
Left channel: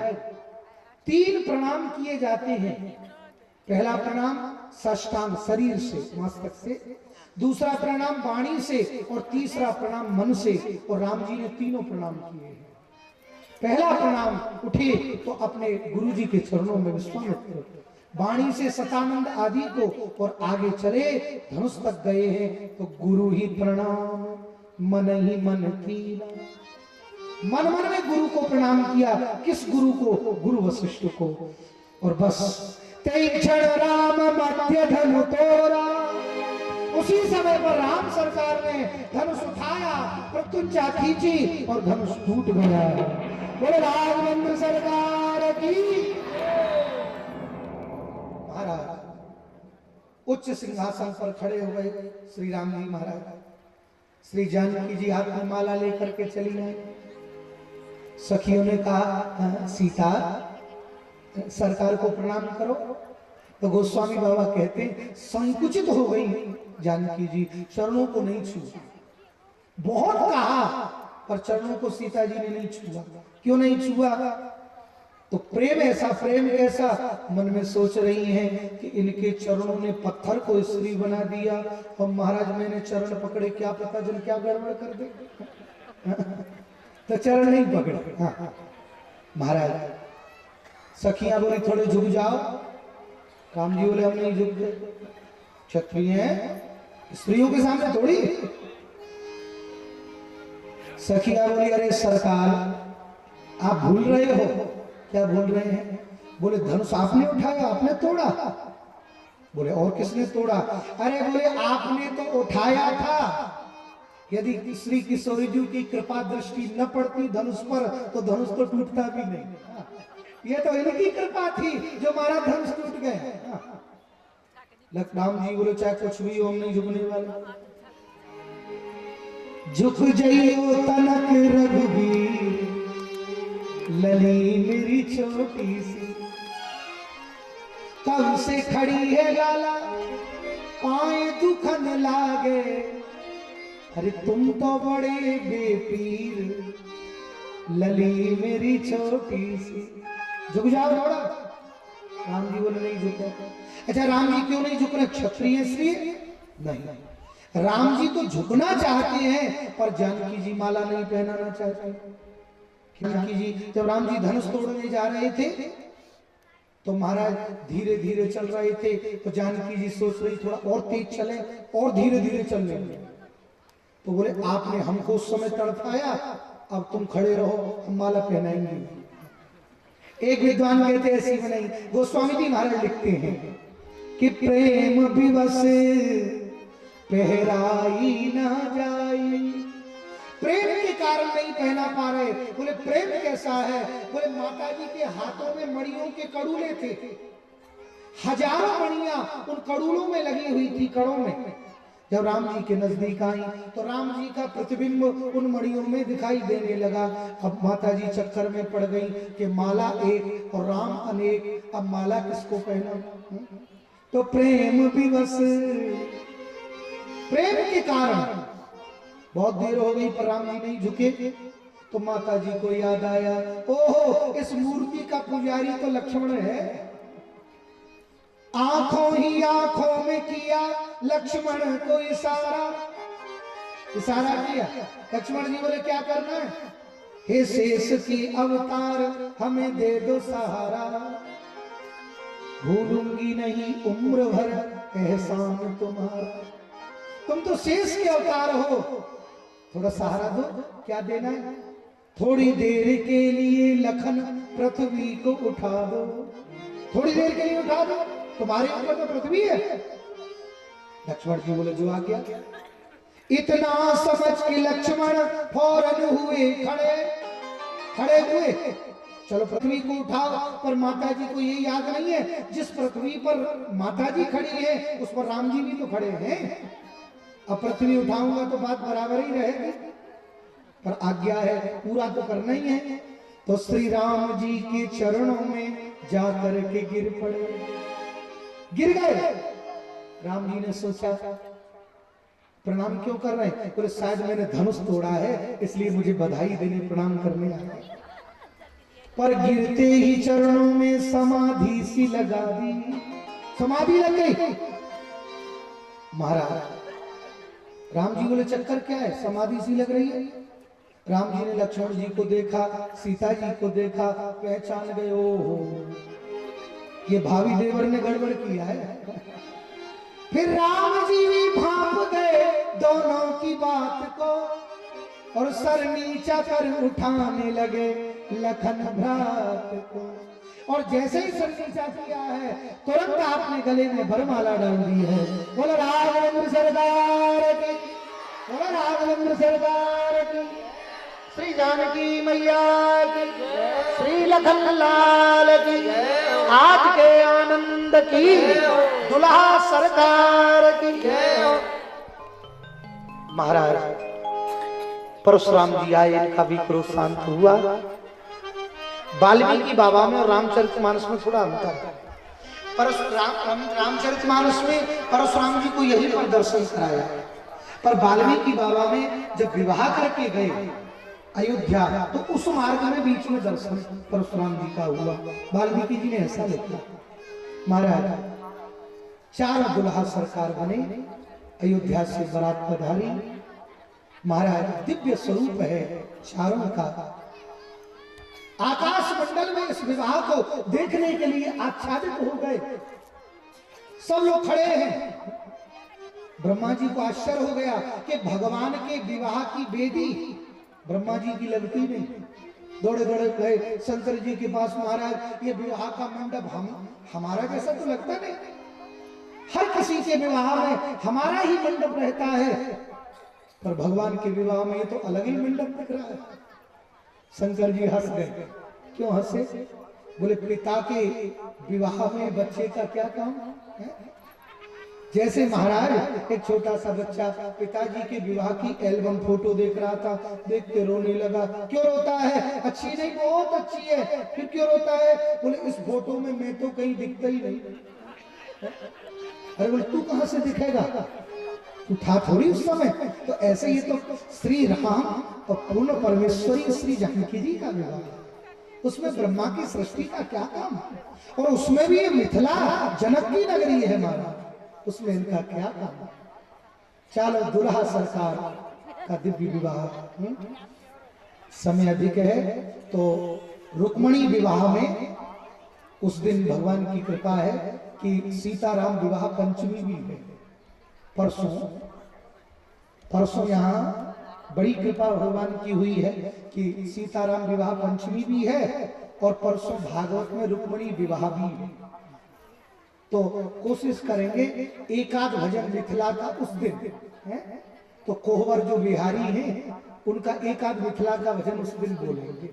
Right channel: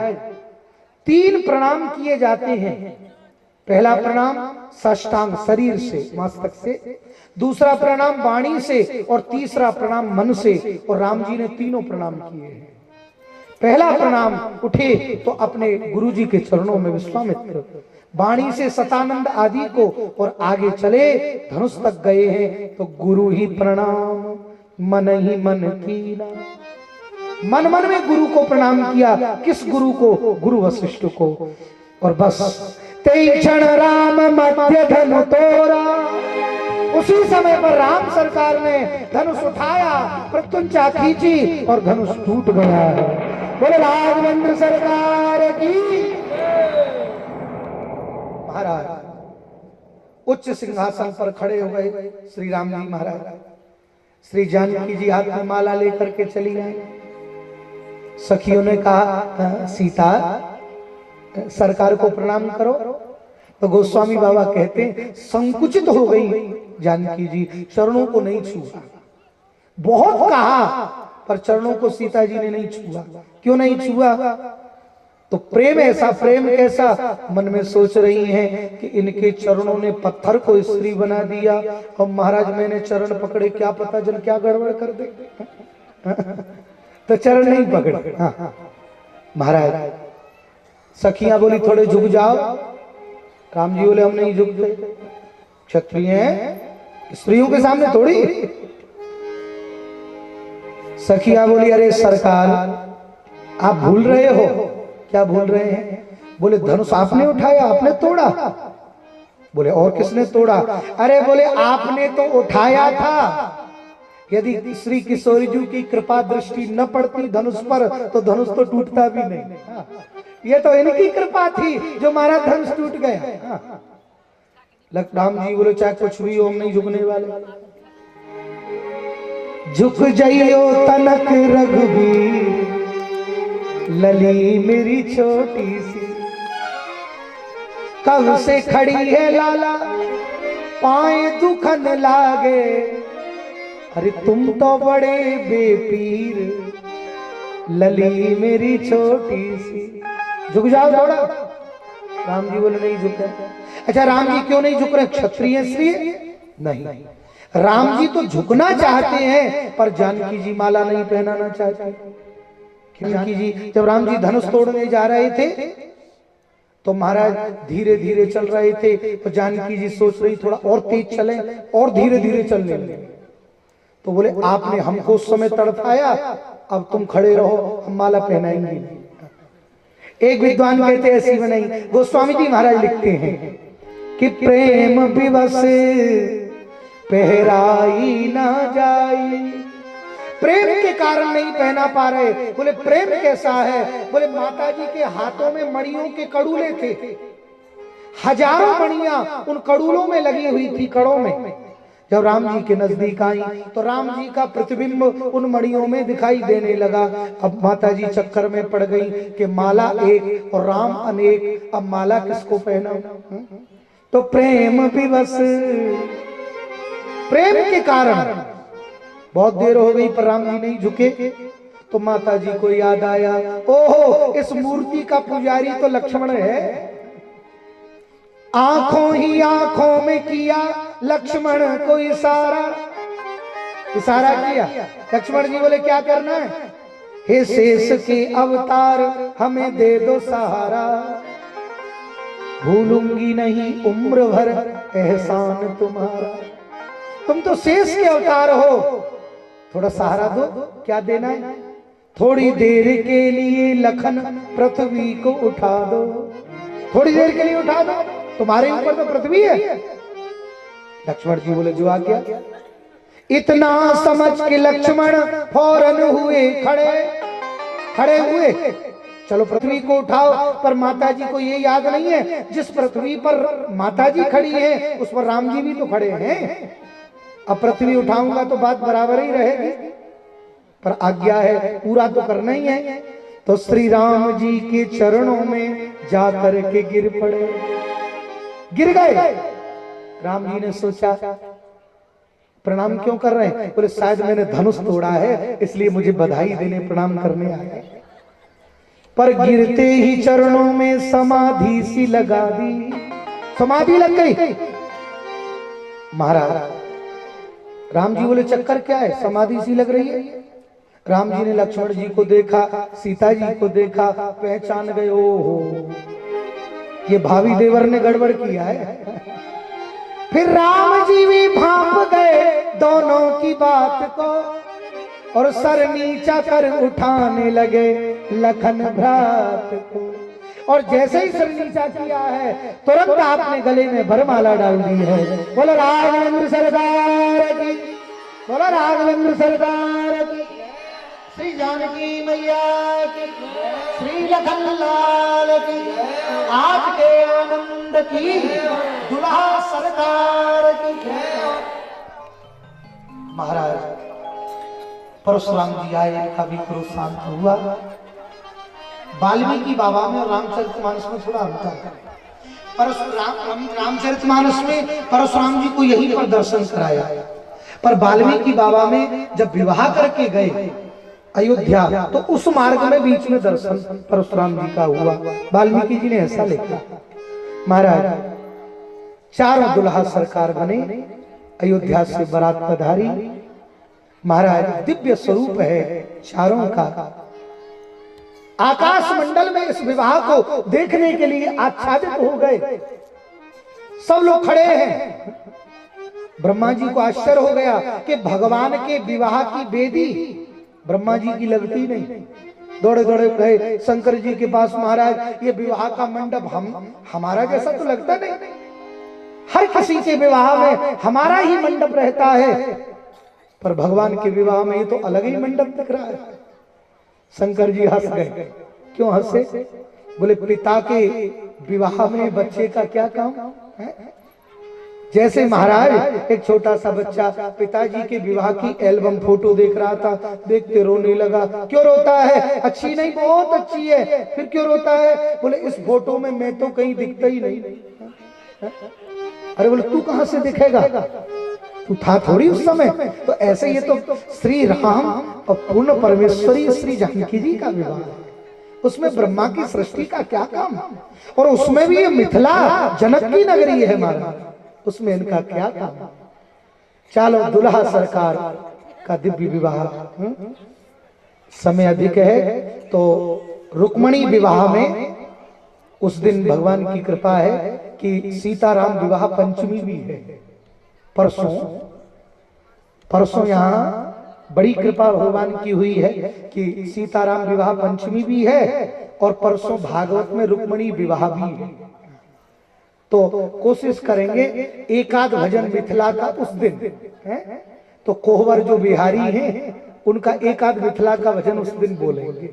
3 प्रणाम किए जाते हैं। पहला प्रणाम साष्टांग शरीर से, मस्तक से, दूसरा प्रणाम वाणी से, और तीसरा प्रणाम मन से। और राम जी ने तीनों प्रणाम किए हैं। पहला प्रणाम उठे तो अपने गुरुजी के चरणों में विश्वामित्र, वाणी से सतानंद आदि को, और आगे चले धनुष तक गए हैं तो गुरु ही प्रणाम मन ही मन कीना। मन मन में गुरु को प्रणाम किया। किस गुरु को? गुरु वशिष्ठ को। और बस तेई क्षण राम मध्य धनु तोरा, उसी समय पर राम सरकार ने धनुष उठाया, प्रत्युंचा खींची और धनुष टूट गया। बोले राघवेंद्र सरकार की। महाराज उच्च सिंहासन पर खड़े हो गए श्री राम जी महाराज। श्री जानकी जी हाथ में माला लेकर के चली आई। सखियों ने कहा सीता सरकार को प्रणाम करो। तो गोस्वामी बाबा कहते संकुचित हो गई जानकी जी, चरणों को नहीं छुआ। बहुत कहा पर चरणों को सीता जी ने नहीं छुआ। क्यों नहीं छुआ? तो प्रेम ऐसा, प्रेम कैसा? मन में सोच रही हैं कि इनके चरणों ने पत्थर को स्त्री बना दिया, और महाराज मैंने चरण पकड़े, क्या पता जन क्या गड़बड़ कर दे। तो चरण नहीं पकड़े। महाराज सखियां बोली थोड़े झुक जाओ। राम जी बोले हम नहीं झुकते, क्षत्रिय हैं, स्त्रियों के सामने थोड़ी। सखियां बोली अरे सरकार आप भूल रहे हो। क्या भूल रहे हैं? बोले धनुष आपने उठाया, आपने तोड़ा। बोले और किसने तोड़ा? अरे बोले आपने तो उठाया था, यदि श्री किशोरी जी की कृपा दृष्टि न पड़ती धनुष पर तो धनुष तो टूटता भी नहीं। ये तो इनकी कृपा थी जो हमारा धनुष टूट गया। राम जी बोले चाहे कुछ भी हो हम नहीं झुकने वाले। झुक जाइयो तनक रघुवीर, लली मेरी छोटी सी, कब से खड़ी है लाला पाए दुखन लागे। अरे तुम तो बड़े बेपीर, लली मेरी छोटी सी। झुक जाओ थोड़ा। राम जी बोले नहीं झुके। अच्छा राम जी क्यों नहीं झुक रहे? क्षत्रिय इसलिए नहीं। राम जी तो झुकना चाहते हैं पर जानकी जी माला नहीं पहनाना चाहते। जानकी जी जब राम जी धनुष तोड़ने जा रहे थे तो महाराज धीरे धीरे चल रहे थे, तो जानकी जी सोच रही थोड़ा और तेज चले और धीरे धीरे चलने लगे। तो बोले आपने हमको उस समय तड़पाया, अब तुम खड़े रहो, हम माला पहनाएंगे। एक विद्वान कहते ऐसी बनाई। गोस्वामी जी महाराज लिखते हैं कि प्रेम विवश पहराई ना जाई। प्रेम के कारण नहीं पहना पा रहे। बोले प्रेम कैसा है? बोले माता जी के हाथों में मणियों के कड़ूले थे, हजारों मणियां उन कड़ूलों में लगी हुई थी, कड़ों में। जब राम जी के नजदीक आई तो राम जी का प्रतिबिंब उन मणियों में दिखाई देने लगा। अब माता जी चक्कर में पड़ गई कि माला एक और राम अनेक, अब माला किसको पहना? तो प्रेम विवश, प्रेम के कारण बहुत देर हो गई पर राम जी नहीं झुके। तो माता जी को याद आया, ओहो इस मूर्ति का पुजारी तो लक्ष्मण है। आंखों ही आंखों में किया लक्ष्मण को इशारा, इशारा किया। लक्ष्मण जी बोले क्या करना है? हे शेष के अवतार हमें दे दो सहारा, भूलूंगी नहीं उम्र भर एहसान तुम्हारा। तुम तो शेष के अवतार हो, थोड़ा सहारा दो। क्या देना है? थोड़ी देर के लिए लखन पृथ्वी को उठा दो, थोड़ी देर के लिए उठा दो, तुम्हारे ऊपर तो पृथ्वी है। लक्ष्मण जी बोले जो आ गया। इतना समझ के लक्ष्मण फौरन हुए खड़े, खड़े हुए। चलो पृथ्वी को उठाओ, पर माता जी को ये याद नहीं है जिस पृथ्वी पर माता जी खड़ी है उस पर राम जी भी तो खड़े हैं। अब पृथ्वी उठाऊंगा तो बात बराबर ही रहेगी, पर आज्ञा है पूरा तो करना ही है। तो श्री राम जी के चरणों में जाकर के गिर पड़े, गिर गए। राम जी ने सोचा प्रणाम क्यों कर रहे हैं? बोले शायद मैंने धनुष तोड़ा है इसलिए मुझे बधाई देने प्रणाम करने आए। पर गिरते ही चरणों में समाधि सी लगा दी, समाधि लग गई। महाराज राम जी बोले चक्कर क्या है, समाधि सी लग रही है? राम जी ने लक्ष्मण जी को देखा, सीता जी को देखा, पहचान गए, ओहो ये भावी देवर ने गड़बड़ किया है। फिर राम जी भी भांप गए दोनों की बात को और सर नीचा कर उठाने लगे लखन भ्रात को। और जैसे ही सर नीचा किया है तुरंत आपने गले में वरमाला डाल दी है। बोलो राघवेंद्र सरदार की, बोलो राघवेंद्र सरदार की, श्री जानकी मैया की, श्री लखन लाल की, आज के आनंद की, दुल्हा सरकार की। महाराज परशुराम जी आए, इनका भी क्रोध शांत हुआ। वाल्मीकि बाबा में और रामचरितमानस में थोड़ा अंतर है। रामचरितमानस में परशुराम जी को यही पर दर्शन कराया, पर वाल्मीकि बाबा में जब विवाह करके गए अयोध्या तो उस मार्ग में बीच में दर्शन परशुराम जी का हुआ। वाल्मीकि जी ने ऐसा लिखा। महाराज चारों दुल्हा सरकार बने, अयोध्या से बारात पधारी। महाराज दिव्य स्वरूप है चारों का। आकाश मंडल में इस विवाह को देखने के लिए आच्छादित हो गए, सब लोग खड़े हैं। ब्रह्मा जी को आश्चर्य हो गया कि भगवान के विवाह की बेदी ब्रह्मा जी की लगती नहीं। दौड़े दौड़े गए शंकर जी के पास, महाराज ये विवाह का मंडप हमारा जैसा तो लगता नहीं, हर किसी के विवाह में हमारा ही मंडप रहता है, पर भगवान के विवाह में ये तो अलग ही मंडप दिख रहा है। शंकर जी हंस गए। क्यों हंसे? बोले पिता के विवाह में बच्चे का क्या काम है? जैसे महाराज एक छोटा सा बच्चा पिताजी के विवाह की एल्बम फोटो देख रहा था, देखते रोने लगा। क्यों रोता है? अच्छी नहीं, बहुत अच्छी है। फिर क्यों रोता है? बोले इस फोटो में मैं तो कहीं दिखता ही नहीं। अरे बोले तू कहां से दिखेगा, तू था थोड़ी उस समय। तो ऐसे ये तो श्री राम और पूर्ण परमेश्वरी श्री जानकी जी का विवाह, उसमें ब्रह्मा की सृष्टि का क्या काम? और उसमें भी ये मिथिला जनक की नगरी है हमारा, उसमें इनका क्या काम? चलो दुल्हा सरकार का दिव्य विवाह। समय अधिक है तो रुक्मणी विवाह में उस दिन भगवान की कृपा है कि सीताराम विवाह पंचमी भी है। परसों यहाँ बड़ी कृपा भगवान की हुई है कि सीताराम विवाह पंचमी भी है और परसों भागवत में रुक्मणी विवाह भी है। तो कोशिश करेंगे एकाध भजन मिथिला का उस दिन है, तो कोहबर जो बिहारी हैं उनका एकाध मिथिला का भजन उस दिन बोलेंगे।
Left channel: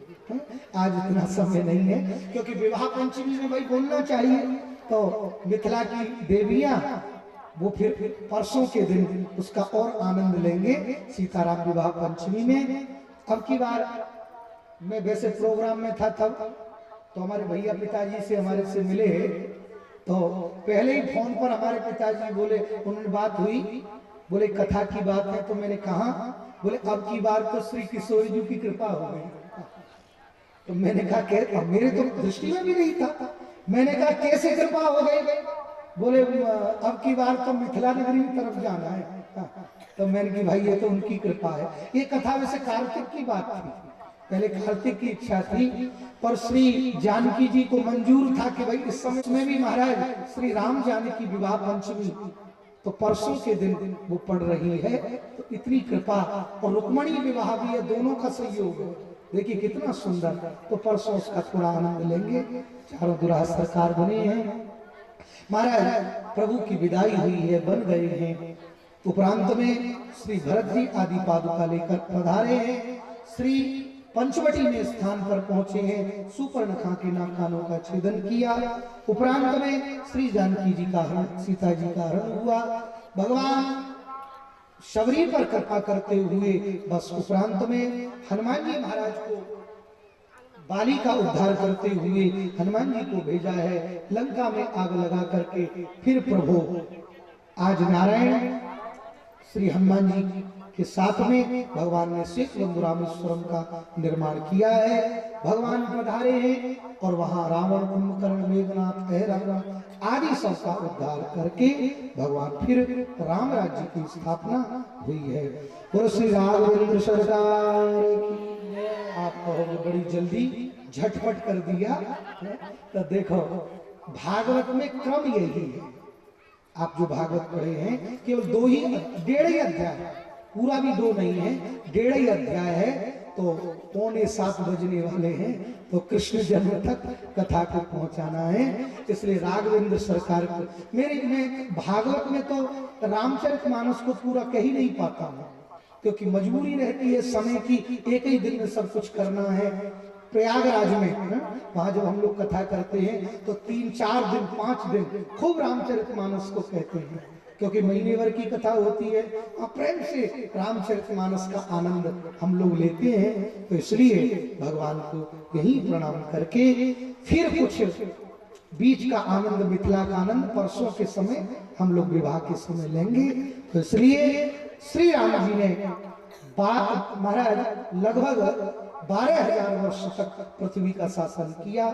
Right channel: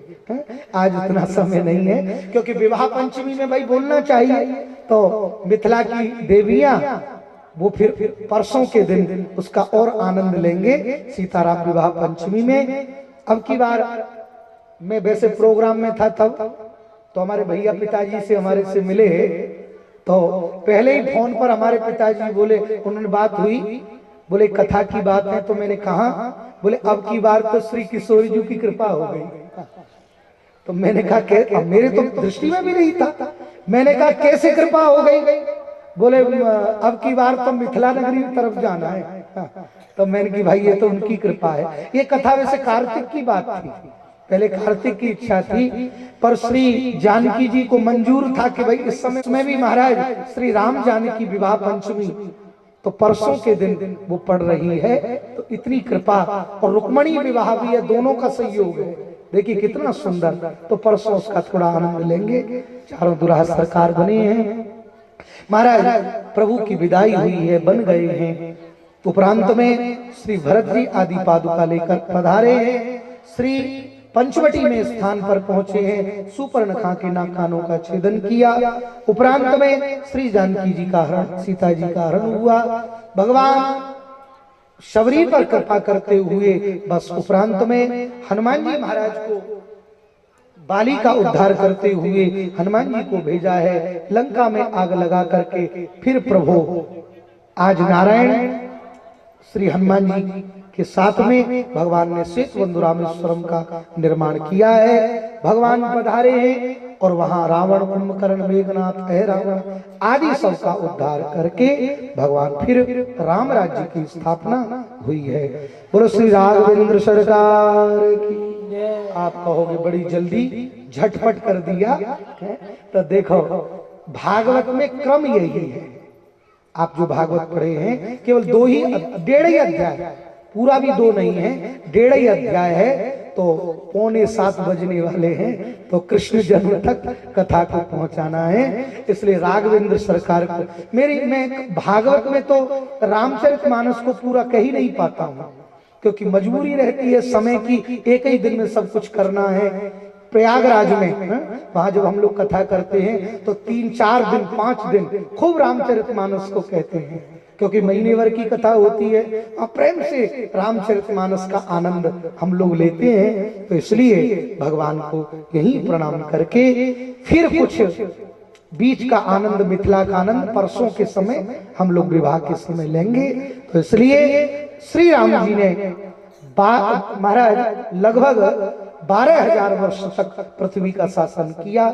आज इतना समय नहीं है क्योंकि विवाह पंचमी में भाई बोलना चाहिए, तो मिथिला की देवियां वो फिर परसों के दिन उसका और आनंद लेंगे सीताराम विवाह पंचमी में। अब की बार मैं वैसे प्रोग्राम में था तब, तो हमारे भैया पिताजी से हमारे से मिले, तो पहले ही फोन पर हमारे पिताजी बोले, उन्होंने बात हुई, बोले कथा की बात है, तो मैंने कहा, बोले अब की बार तो श्री किशोरी जी की कृपा हो गई। तो मैंने कहा मेरे तो दृष्टि में भी नहीं था। मैंने कहा कैसे कृपा हो गई? बोले अब की बार तो मिथिला नगरी की तरफ जाना है। तो मैंने की भाई ये तो उनकी कृपा है। ये कथा वैसे कार्तिक की बात थी, पहले कार्तिक की इच्छा थी, पर श्री जानकी जी को मंजूर था कि भाई इस समय में भी महाराज श्री राम जानकी विवाह पंचमी तो परसों के दिन वो पड़ रही है, तो इतनी कृपा, और रुक्मणी विवाह भी है, दोनों का सहयोग है। देखिए कितना सुंदर। तो परसों उसका थोड़ा आनंद लेंगे। चारों दुल्हा सरकार बने हैं महाराज, प्रभु की विदाई हुई है, बन गए हैं। उपरांत में श्री भरत जी आदि पादुका लेकर पधारे हैं, श्री पंचवटी में स्थान पर पहुंचे हैं, सुपर्णखा के नाक कानों का छेदन किया। उपरांत में श्री जानकी जी का हरण, सीता जी का हरण हुआ। भगवान शबरी पर कृपा करते हुए बस उपरांत में हनुमान जी महाराज को बाली का उद्धार करते हुए हनुमान जी को भेजा है लंका में आग लगा करके। फिर प्रभु आज नारायण श्री हनुमान जी के साथ में भगवान ने सेतुबंधु रामेश्वरम का निर्माण किया है। भगवान पधारे हैं और वहां रावण, कुंभकर्ण, मेघनाथ, रावण आदि सबका उद्धार करके भगवान फिर राम राज्य की स्थापना हुई है। बोलो श्री राघवेंद्र सरकार की। आप कहोगे बड़ी जल्दी झटपट कर दिया, तो देखो भागवत में क्रम यही है। आप जो भागवत पढ़े हैं केवल 1.5 ही अध्याय, पूरा भी 2 नहीं है, 1.5 ही अध्याय है, तो 6:45 बजने वाले हैं, तो कृष्ण जन्म तक कथा को पहुंचाना है। इसलिए राघवेंद्र सरकार को मैं भागवत में तो रामचरितमानस को पूरा कह ही नहीं पाता हूं, क्योंकि मजबूरी रहती है समय की, एक ही दिन में सब कुछ करना है। प्रयागराज में वहां जब हम लोग कथा करते हैं तो 3-4 दिन 5 दिन खूब रामचरितमानस को कहते हैं, क्योंकि महीने भर की कथा होती है और प्रेम से रामचरितमानस का आनंद हम लोग लेते हैं। तो इसलिए भगवान को यही प्रणाम करके फिर कुछ बीच का आनंद, मिथिला का आनंद परसों के समय हम लोग विवाह के समय लेंगे। तो इसलिए श्री राम जी ने महाराज लगभग 12,000 वर्ष तक पृथ्वी का शासन किया।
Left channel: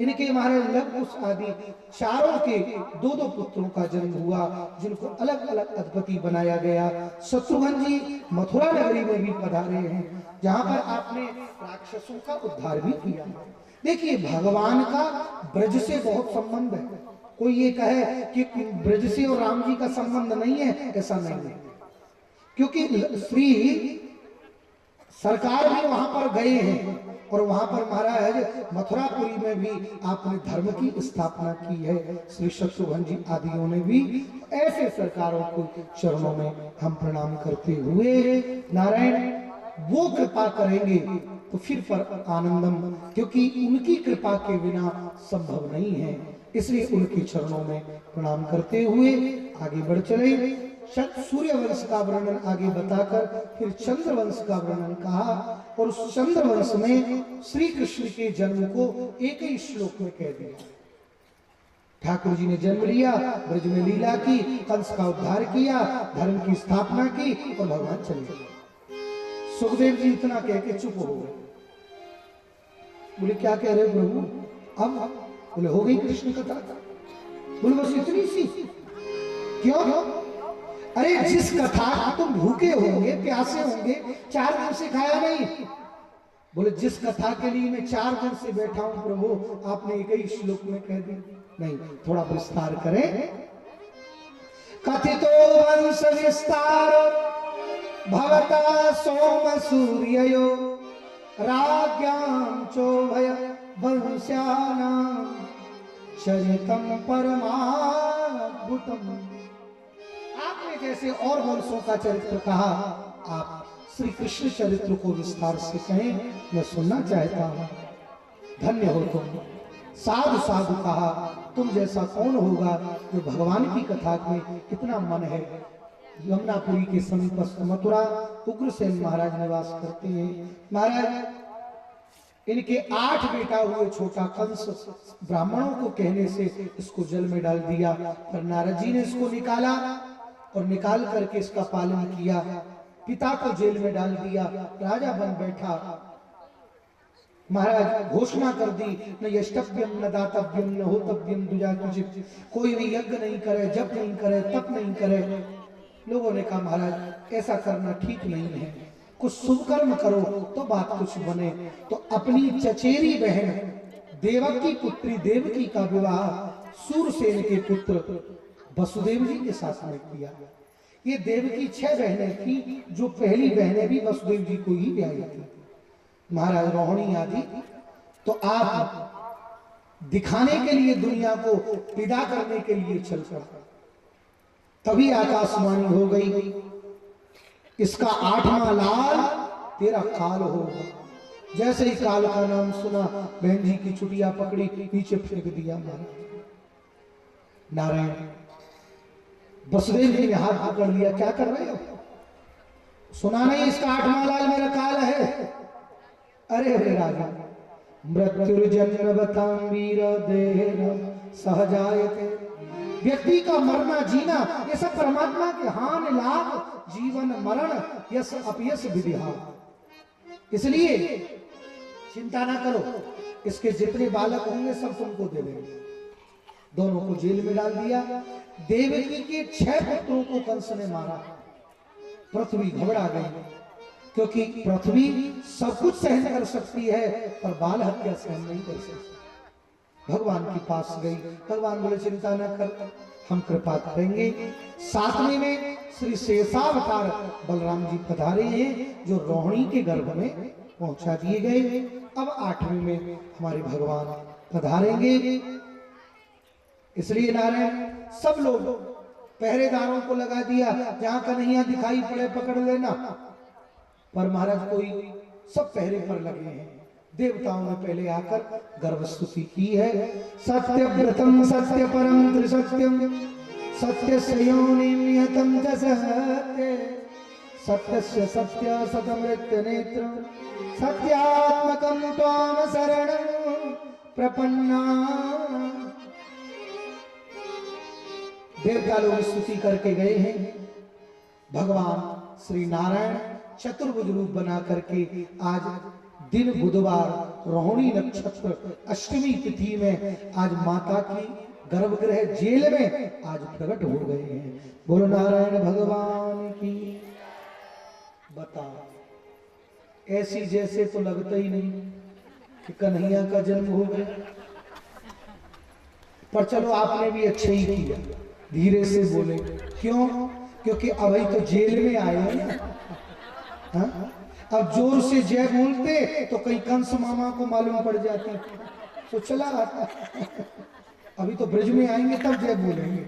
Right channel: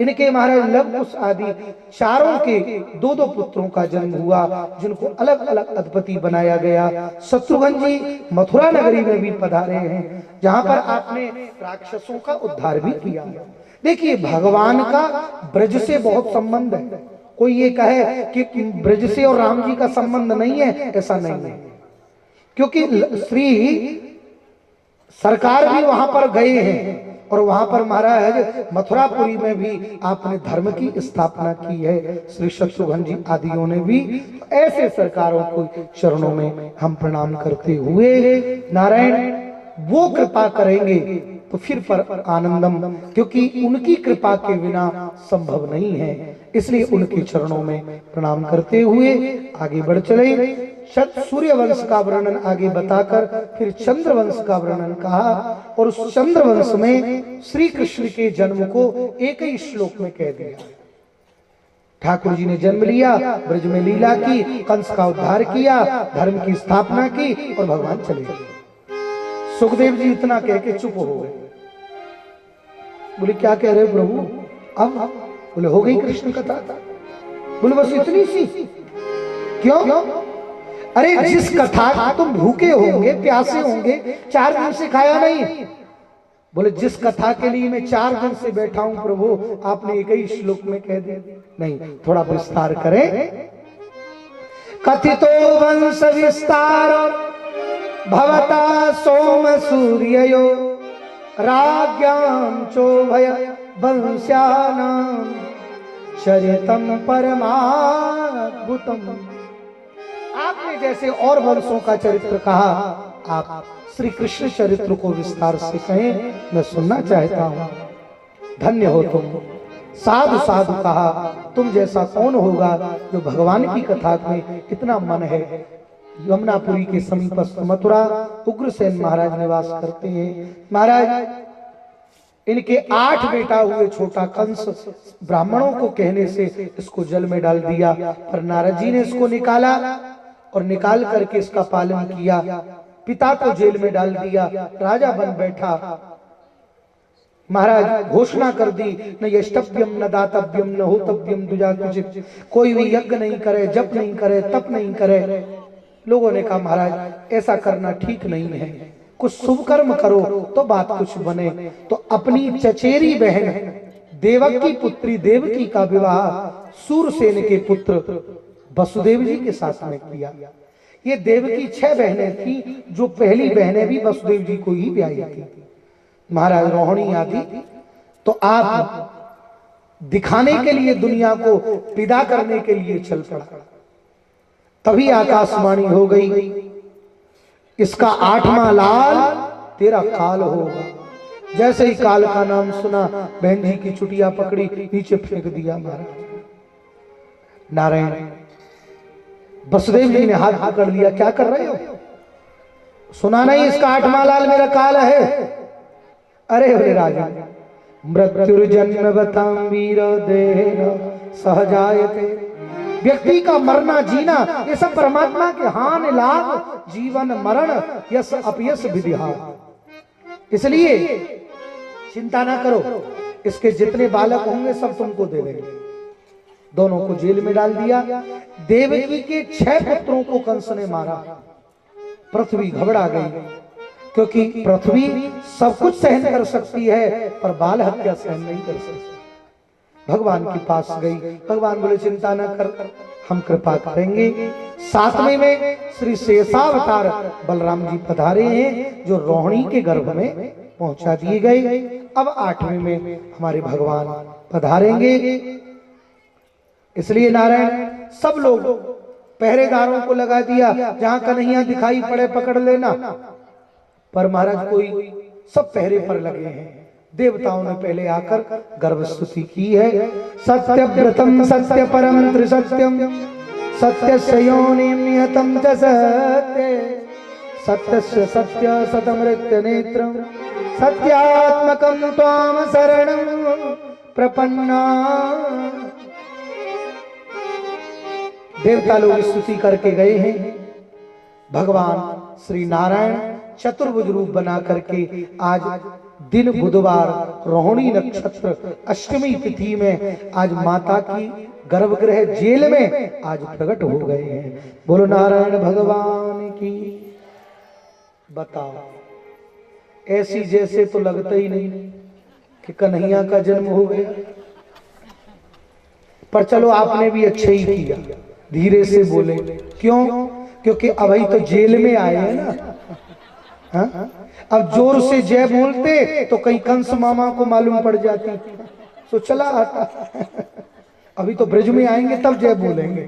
इनके महाराज लवकुश आदि चारों के 2-2 पुत्रों का जन्म हुआ, जिनको अलग अलग अधिपति बनाया गया। शत्रुघ्न जी मथुरा नगरी में भी पधारे हैं, जहां पर आपने राक्षसों का उद्धार भी किया। देखिए भगवान का ब्रज से बहुत संबंध है। कोई ये कहे कि ब्रज से और राम जी का संबंध नहीं है, ऐसा नहीं है, क्योंकि श्री सरकार भी वहां पर गए हैं और वहां पर महाराज मथुरापुरी में भी आपने धर्म की स्थापना की है। श्री शत्रुघ्न जी आदियों ने भी। ऐसे सरकारों को चरणों में हम प्रणाम करते हुए नारायण वो कृपा करेंगे तो फिर पर आनंदम, क्योंकि उनकी कृपा के बिना संभव नहीं है। इसलिए उनके चरणों में प्रणाम करते हुए आगे बढ़ चले। सूर्य वंश का वर्णन आगे बताकर फिर चंद्र वंश का वर्णन कहा, और उस चंद्र वंश में श्री कृष्ण के जन्म को एक ही श्लोक में कह दिया। ठाकुर जी ने जन्म लिया, ब्रज में लीला की, कंस का उद्धार किया, धर्म की स्थापना की और भगवान चले गए। सुखदेव जी इतना कह के चुप हो गए। बोले क्या कह रहे प्रभु? अब बोले हो गई कृष्ण कथा। बोले बस इतनी सी? क्यों? अरे जिस कथा तुम भूखे होंगे, प्यासे होंगे, 4 दिन से खाया नहीं। बोले जिस कथा के लिए मैं 4 दिन से बैठा हूं प्रभु, आपने एक ही श्लोक में कह दिया। नहीं, थोड़ा विस्तार करें। कथितो वंश विस्तार भवता सोम सूर्ययो राज्ञां चोभय वंश्यानां चरितम परमाद्भुतम। आपने जैसे और वंशों का चरित्र कहा, आप श्री कृष्ण चरित्र को विस्तार से कहें, मैं सुनना चाहता हूं। धन्य हो तुम, साधु साधु कहा, तुम जैसा कौन होगा जो भगवान की कथा में इतना मन है। यमुनापुरी के समीपस्थ मथुरा उग्रसेन महाराज निवास करते हैं। महाराज इनके 8 बेटा हुए। छोटा कंस ब्राह्मणों को कहने से इसको जल में डाल दिया, पर नारद जी ने इसको निकाला और निकाल करके इसका पालन किया। पिता को जेल में डाल दिया, राजा बन बैठा। महाराज घोषणा कर दी, न यष्टव्यम न दातव्यम न होतव्यम दुजा कुचित, कोई भी यज्ञ नहीं करे, जप नहीं करे, तप नहीं करे। लोगों ने कहा महाराज ऐसा करना ठीक नहीं है, कुछ शुभ कर्म करो तो बात कुछ बने। तो अपनी चचेरी बहन देवकी पुत्री देवकी का विवाह सूरसेन के पुत्र वसुदेव जी के साथ में किया। ये देवकी 6 बहनें थी, जो पहली बहनें भी वसुदेव जी को ही ब्याही थी। महाराज रोहिणी आदि तो आप दिखाने के लिए, दुनिया को विदा करने के लिए चल पड़ा। तभी आकाशवाणी हो गई, इसका 8वां लाल तेरा काल होगा। जैसे ही काल का नाम सुना, बहन जी की चुटिया पकड़ी, नीचे फेंक दिया। महाराज नारायण वसुदेव जी ने हाथ पकड़ लिया, क्या कर रहे हो? सुना नहीं इसका 8वां लाल मेरा काल है? अरे हे राजा, मृत्युर्जन्म बताम वीर देह सहजायते। व्यक्ति का मरना जीना ये सब परमात्मा के हान लाभ, जीवन मरण यश अपयश विधिहा। इसलिए चिंता ना करो, इसके जितने बालक होंगे सब तुमको दे देंगे। दोनों को जेल में डाल दिया। देवकी के 6 पुत्रों को कंस ने मारा। पृथ्वी घबरा गई, क्योंकि पृथ्वी सब कुछ सहन कर सकती है पर बाल हत्या सहन नहीं कर सकती। भगवान के पास गई, भगवान बोले चिंता न कर, हम कृपा करेंगे। 7वें में श्री शेषावतार बलराम जी पधारे हैं, जो रोहिणी के गर्भ में पहुंचा दिए गए। अब 8वें में हमारे भगवान पधारेंगे। इसलिए नारायण सब लोग पहरेदारों को लगा दिया, जहां कन्हैया दिखाई पड़े पकड़ लेना। पर महाराज कोई सब पहरे पर लगे हैं। देवताओं ने पहले आकर गर्भ स्तुति की है। सत्य व्रतम सत्य परम त्रिसत्यम सत्य योनिम नियतम च सत्य सत्य सत्य सतमृत्य नेत्रम सत्यात्मकम त्वाम शरणं प्रपन्ना। देवता लोग स्तुति करके गए हैं। भगवान श्री नारायण चतुर्भुज रूप बना करके आज दिन बुधवार रोहिणी नक्षत्र अष्टमी तिथि में आज माता की गर्भगृह जेल में आज प्रकट हो गए हैं। बोलो नारायण भगवान की। बताओ, ऐसी जैसे तो लगता ही नहीं कि कन्हैया का जन्म हो गया। पर चलो आपने भी अच्छा ही किया, धीरे से बोले। क्यों? क्योंकि अभी तो जेल में आए हैं ना। हाँ? अब जोर से जय बोलते तो कहीं कंस मामा को मालूम पड़ जाती तो चला आता। अभी तो ब्रज में आएंगे तब जय बोलेंगे।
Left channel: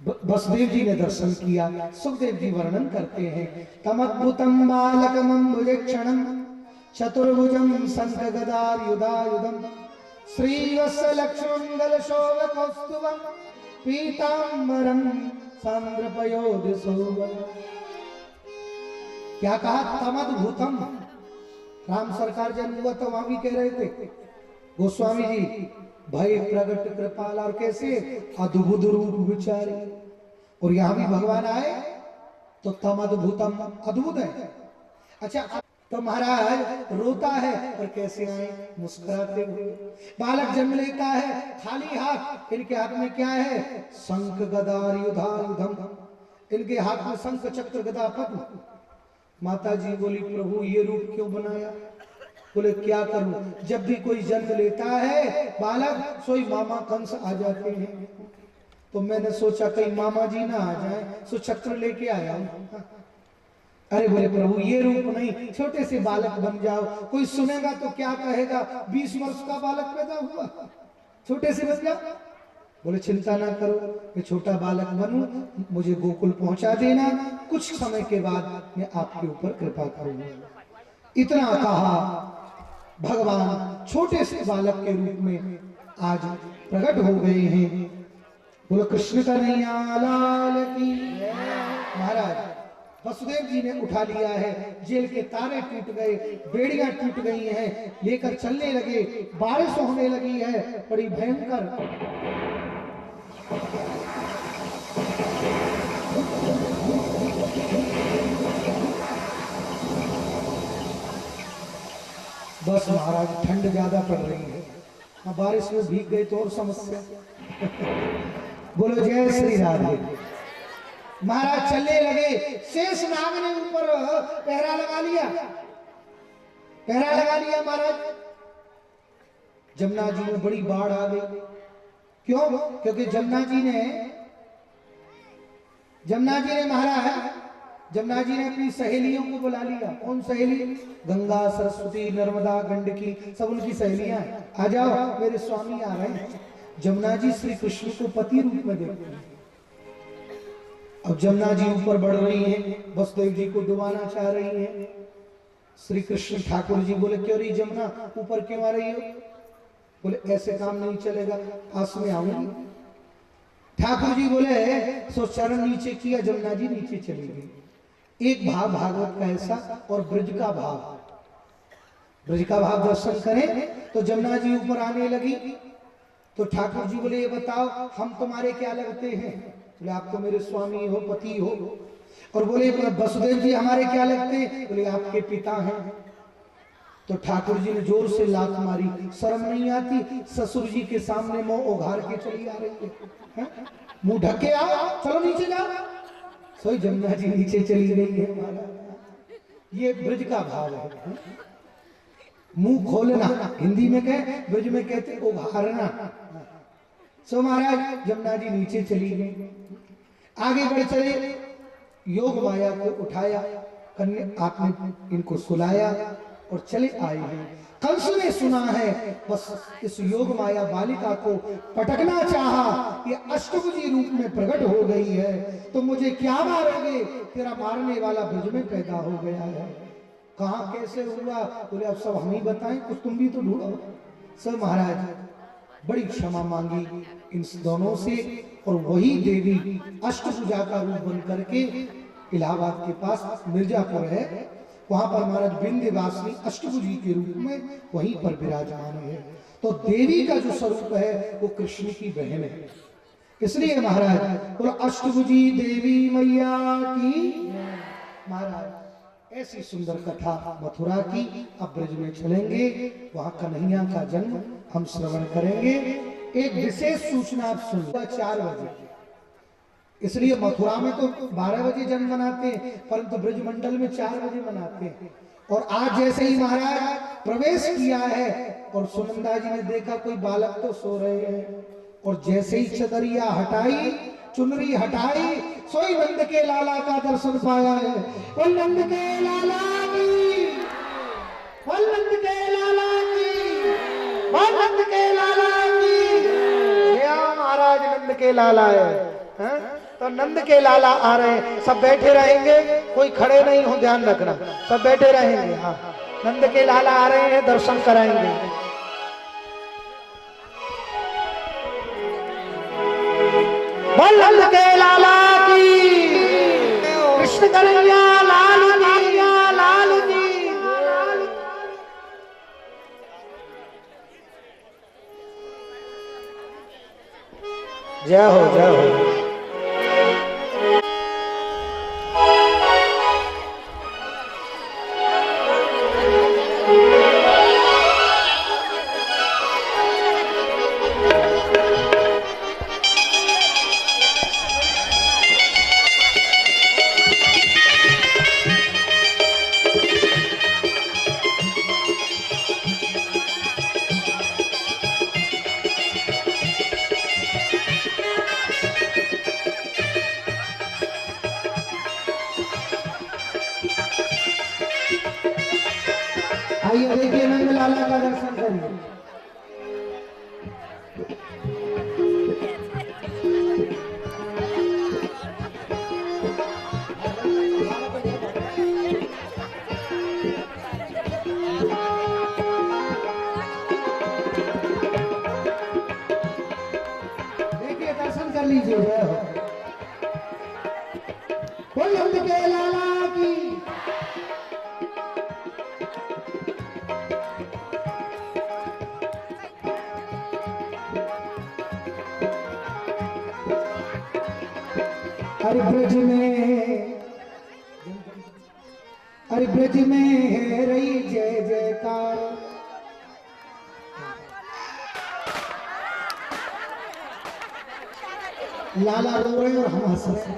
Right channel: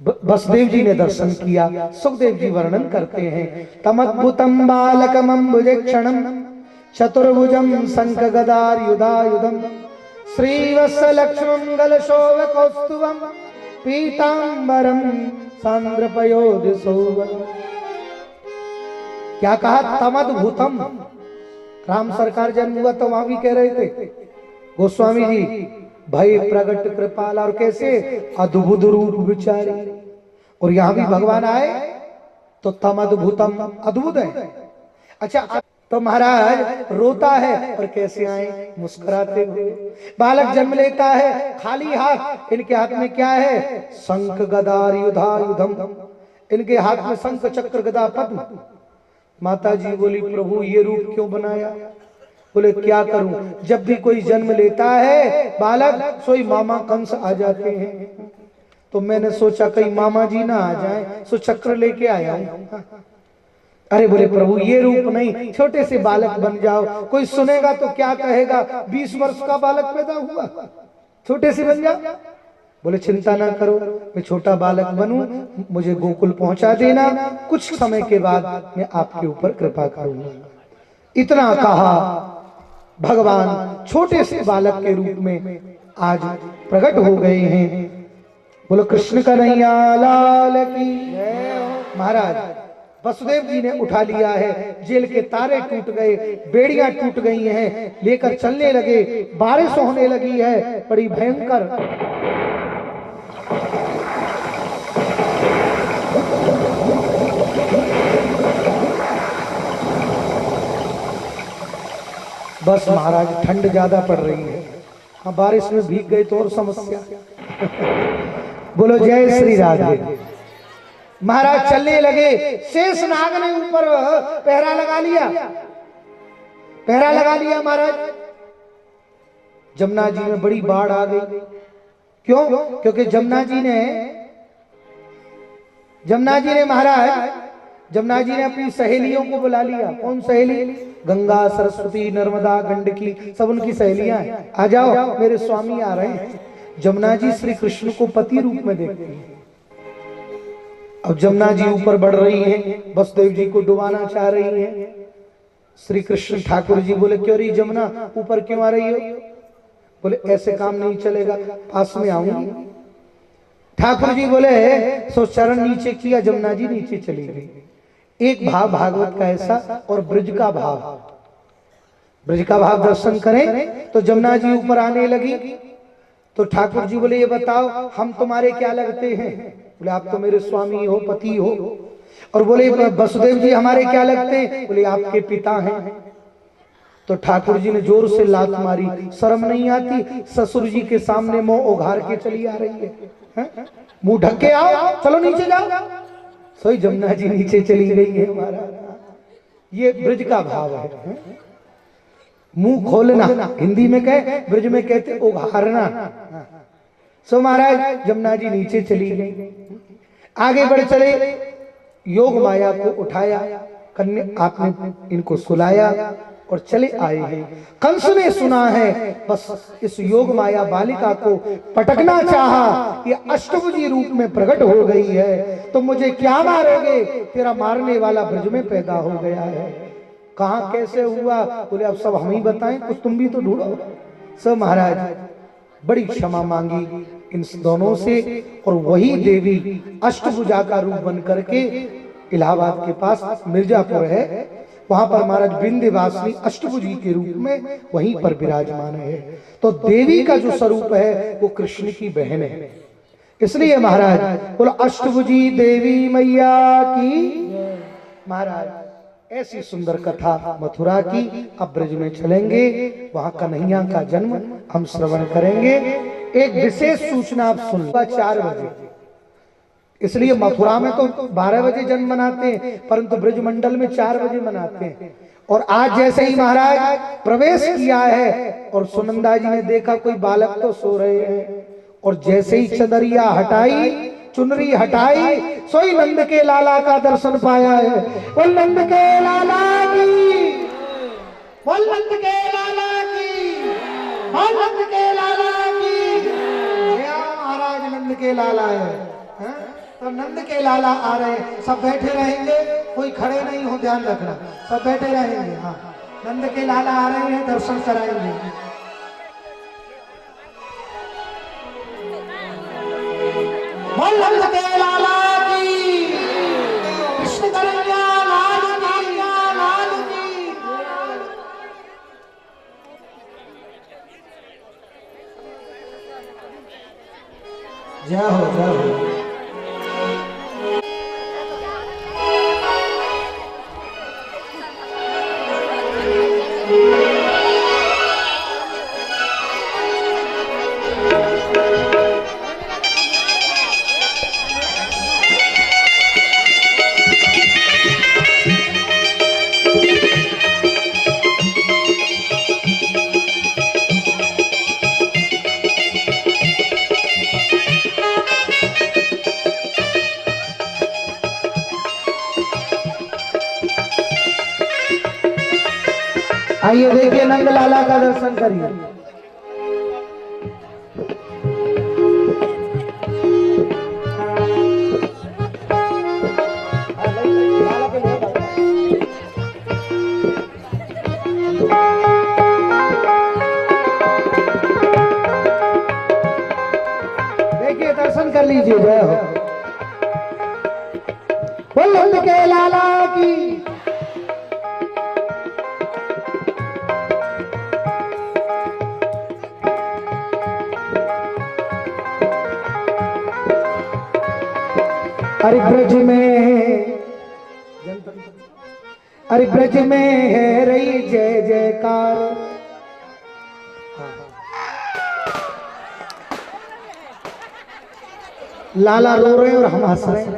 वसुदेव जी ने दर्शन किया। सुखदेव जी वर्णन करते हैं, तमद्भुतम बालकम अम्बुजक्षणम चतुर्भुजम शंख गदार युधायुधम श्रीवत्सलक्ष्मंगल शोभ कौस्तुभम पीतांबरम सांद्रपयोधिशोभम। क्या कहा? तमद्भुतम। राम सरकार जन्म हुआ तो वहां भी कह रहे थे गोस्वामी जी, भय प्रगट कृपाल, और कैसे अद्भुत रूप विचारे। और यहां भी भगवान आए तो तमद्भुतम, अद्भुत है। अच्छा, तो महाराज रोता है और कैसे आए? मुस्कुराते हुए। बालक जन्म लेता है खाली हाथ, इनके हाथ में क्या है? शंख गदा युधायुधम, इनके हाथ में शंख चक्र गदा पद्म। माता जी बोली, प्रभु ये रूप क्यों बनाया? बोले क्या करूं, जब भी कोई जन्म लेता है बालक, सोई मामा कंस आ जाते हैं। तो मैंने सोचा कहीं मामा जी ना आ जाए, सो चक्र लेके आया हूं। अरे बोले प्रभु ये रूप नहीं, छोटे से बालक बन जाओ, कोई सुनेगा तो क्या कहेगा, 20 वर्ष का बालक पैदा हुआ, छोटे से बन जाओ। बोले चिंता ना करो, मैं छोटा बालक बनूं, मुझे गोकुल पहुंचा देना, कुछ समय के बाद मैं आपके ऊपर कृपा करूंगा। इतना कहा भगवान छोटे से बालक के रूप में आज प्रकट हो गए हैं। बोलो कृष्ण कन्हैया लाल की। महाराज वसुदेव जी ने उठा लिया है, जेल के तारे टूट गए, बेड़ियां टूट गई हैं, लेकर चलने लगे, बारिश होने लगी है बड़ी भयंकर। बस महाराज ठंड ज्यादा पड़ रही है, हाँ बारिश में भीग गए तो और समस्या। बोलो जय श्री राधे। महाराज चलने लगे, शेष नाग ने ऊपर पहरा लगा लिया, पहरा लगा लिया महाराज। जमुना जी में बड़ी बाढ़ आ गई। क्यों? क्योंकि जमुना जी ने महाराज जमुना जी ने अपनी सहेलियों को बुला लिया। कौन सहेली? गंगा, सरस्वती, नर्मदा, गंडकी, सब उनकी सहेलियां हैं। आ जाओ मेरे स्वामी आ रहे हैं। जमुना जी श्री कृष्ण को पति रूप में देखते हैं। अब जमुना जी ऊपर बढ़ रही हैं, वसुदेव जी को डुबाना चाह रही हैं। श्री कृष्ण ठाकुर जी बोले क्यों रही जमुना ऊपर क्यों आ रही हो? बोले ऐसे काम नहीं चलेगा, पास में आऊंगी। ठाकुर जी बोले सो चरण नीचे किया, जमुना जी नीचे चली गई। एक भाव भागवत का ऐसा और ब्रज का भाव दर्शन करें तो जमुना जी ऊपर आने लगी। तो ठाकुर जी बोले ये बताओ हम तुम्हारे क्या लगते हैं? बोले आप तो मेरे स्वामी हो, पति हो। और बोले वसुदेव जी हमारे क्या लगते हैं? बोले आपके पिता हैं। तो ठाकुर जी ने जोर से लात मारी, शर्म नहीं आती? ससुर जी के सामने मुंह उघार के चली आ रही है, मुंह ढक के आओ, चलो नीचे जाओ। सोई जमुना जी नीचे चली गई है। हमारा ये ब्रज का भाव है, मुंह खोलना, हिंदी में कहे, ब्रज में कहते उघारना। सो महाराज जमुना जी नीचे चली गई, आगे बढ़ चले, योग माया को उठाया, कन्या आपने इनको सुलाया और चले आए हैं। कंस ने सुना है, बस इस योग माया बालिका को पटकना चाहा, ये अष्टभुजी रूप में प्रकट हो गई है, तो मुझे क्या मारोगे? तेरा मारने वाला ब्रज में पैदा हो गया है। कहाँ कैसे हुआ? बोले अब सब हम ही बताएं, कुछ तुम भी तो ढूंढो। सब महाराज बड़ी क्षमा मांगी इन दोनों से, और वही देवी अष्टभुजा का रूप बन करके इलाहाबाद के पास मिर्जापुर है, वहां पर महाराज विंध्यवासिनी अष्टभुजी के रूप में वहीं पर विराजमान है। तो देवी का जो स्वरूप है वो कृष्ण की बहन है। इसलिए महाराज बोलो अष्टभुजी देवी मैया की। महाराज ऐसी सुंदर कथा मथुरा की। अब ब्रज में चलेंगे, वहां कन्हैया का जन्म हम श्रवण करेंगे। एक विशेष सूचना आप सुन, 4 बजे, इसलिए मथुरा में तो 12 बजे जन्म मनाते हैं, परंतु ब्रज मंडल में 4 बजे मनाते हैं। और आज जैसे ही महाराज प्रवेश किया है और सुनंदा जी ने देखा कोई बालक तो सो रहे हैं, और जैसे ही चदरिया हटाई, चुनरी हटाई, सोई नंद के लाला का दर्शन पाया है। बोल नंद के लाला की, बोल नंद के लाला की, बोल नंद के लाला की। महाराज नंद के लाला है, तो नंद के लाला आ रहे हैं। सब बैठे रहेंगे, कोई खड़े नहीं हो, ध्यान रखना, सब बैठे रहेंगे। हाँ, नंद के लाला आ रहे हैं, दर्शन कराएंगे। बोल नंद के लाला की, कृष्ण कन्हैया लाल की, लाल की। जय हो, जय हो। आइए देखिए नंद लाला का दर्शन करिए। कर लीजिए। जय हो। बोल नंद के लाला की। अरे ब्रज में, अरे ब्रज में है रही जय जयकार। लाला रो रहे और हम हंस रहे हैं।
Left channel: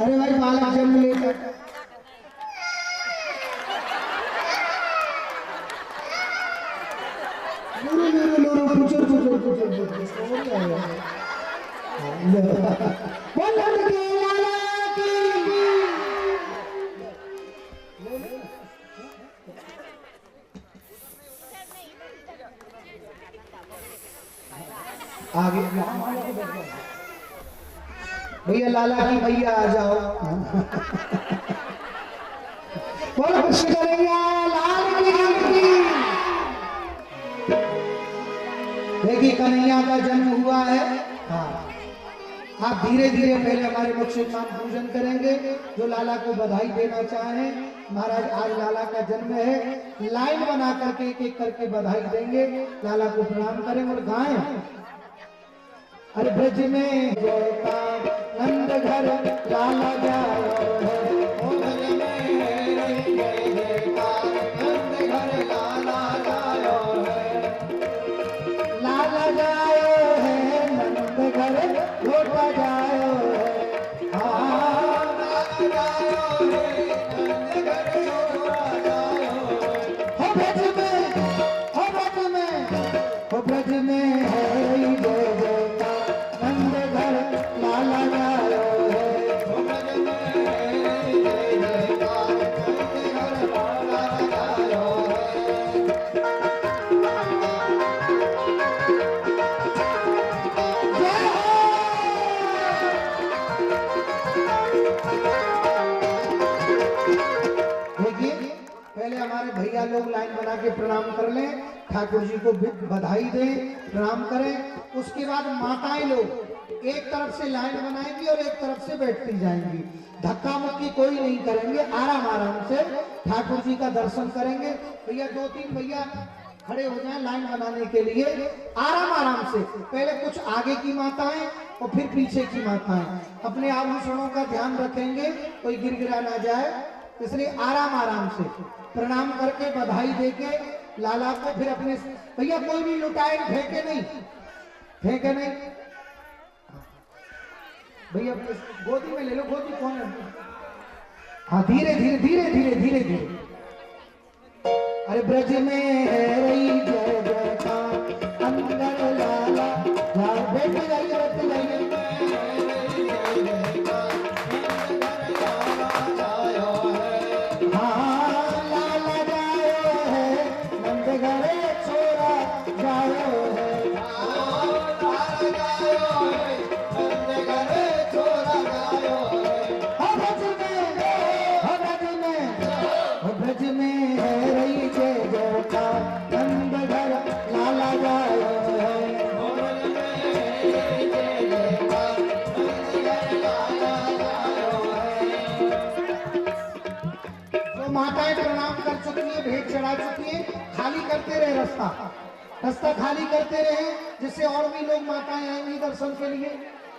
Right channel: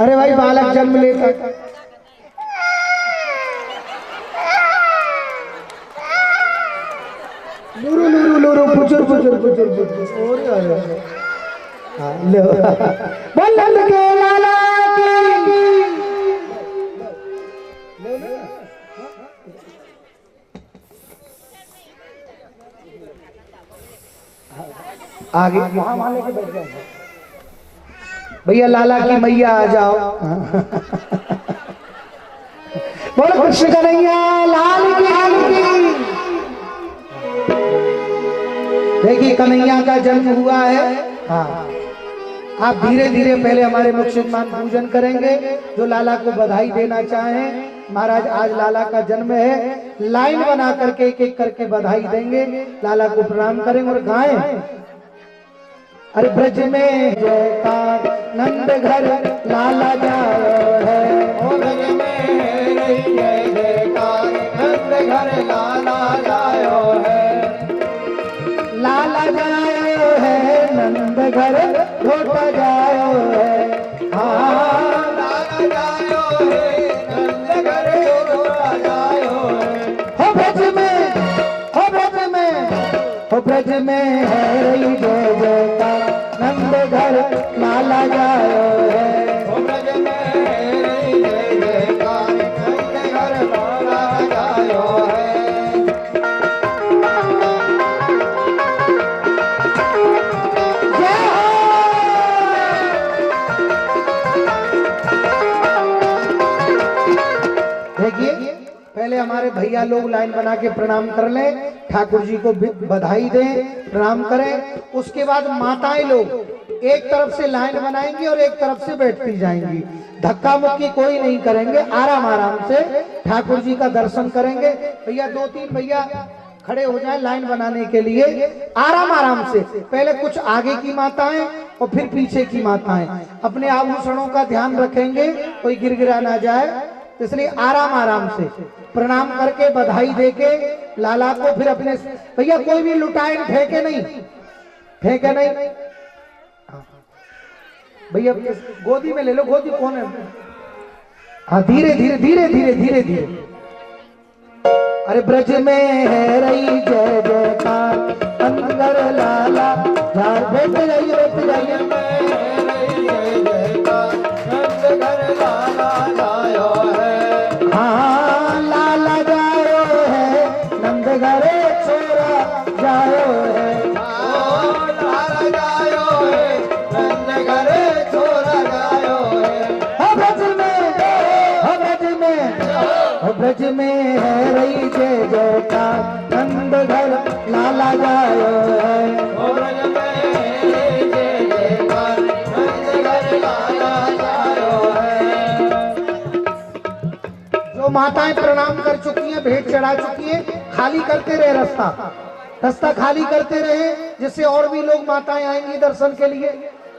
अरे भाई बालक जन्म लेता लूरू लूरू लूरू पुचुर पुचुर पुचुर पुचुर। बोल नंद के लाला की। आगे भैया लाला की मैया आ जाओ। बोलो कृष्ण कन्हैया लाल की। देखिए कन्हैया का जन्म हुआ है। हाँ, आप धीरे धीरे पहले हमारे मुख मान पूजन करेंगे। जो लाला को बधाई देना चाहें, महाराज आज लाला का जन्म है, लाइन बना करके एक एक करके बधाई देंगे, लाला को प्रणाम करेंगे और गाएं। अरे ब्रज में जयकार नंद घर लाला जायो है। ओ ब्रज में जय जयकार नंद घर लाला जायो है। लाला जायो है नंद घर लौटा जायो है। हाँ लाला जायो है नंद घर लौटा जायो है। हो ब्रज में, हो ब्रज में, हो ब्रज में है रही जय जयकार नंद घर लाला जायो है। हो ब्रज में है रही जय जयकार नंद घर लाला जायो है। देखिए पहले हमारे भैया लोग लाइन बना के प्रणाम कर लें, ठाकुर जी को बधाई दें, प्रणाम करें। उसके बाद माताएं लोग एक तरफ से लाइन बनाएंगी और एक तरफ से बैठती जाएंगी। धक्का मुक्की कोई नहीं करेंगे, आराम आराम से ठाकुर जी का दर्शन करेंगे। भैया दो तीन भैया खड़े हो जाए लाइन बनाने के लिए, आराम आराम से। पहले कुछ आगे की माताएं और फिर पीछे की माताएं। अपने आभूषणों का ध्यान रखेंगे, कोई गिरगिरा ना जाए, इसलिए आराम आराम से प्रणाम करके बधाई देके लाला को फिर अपने। भैया कोई भी लुटाए फेंके नहीं, फेंके नहीं। भैया गोदी में ले लो, गोदी कौन है? हाँ धीरे धीरे धीरे धीरे धीरे धीरे। अरे ब्रज में है रही जय जयकार अंदर लाला बैठ जाइए, बैठ जाइए। ब्रज में है रही जय जयकार नंद घर लाला जायो है। ब्रज में जय जयकार नंद घर लाला जायो है। जो माताएं प्रणाम कर चुकी हैं, भेंट चढ़ा चुकी हैं, खाली करते रहे रास्ता, रास्ता खाली करते रहे, जिससे और भी लोग माताएं आएंगी दर्शन के लिए।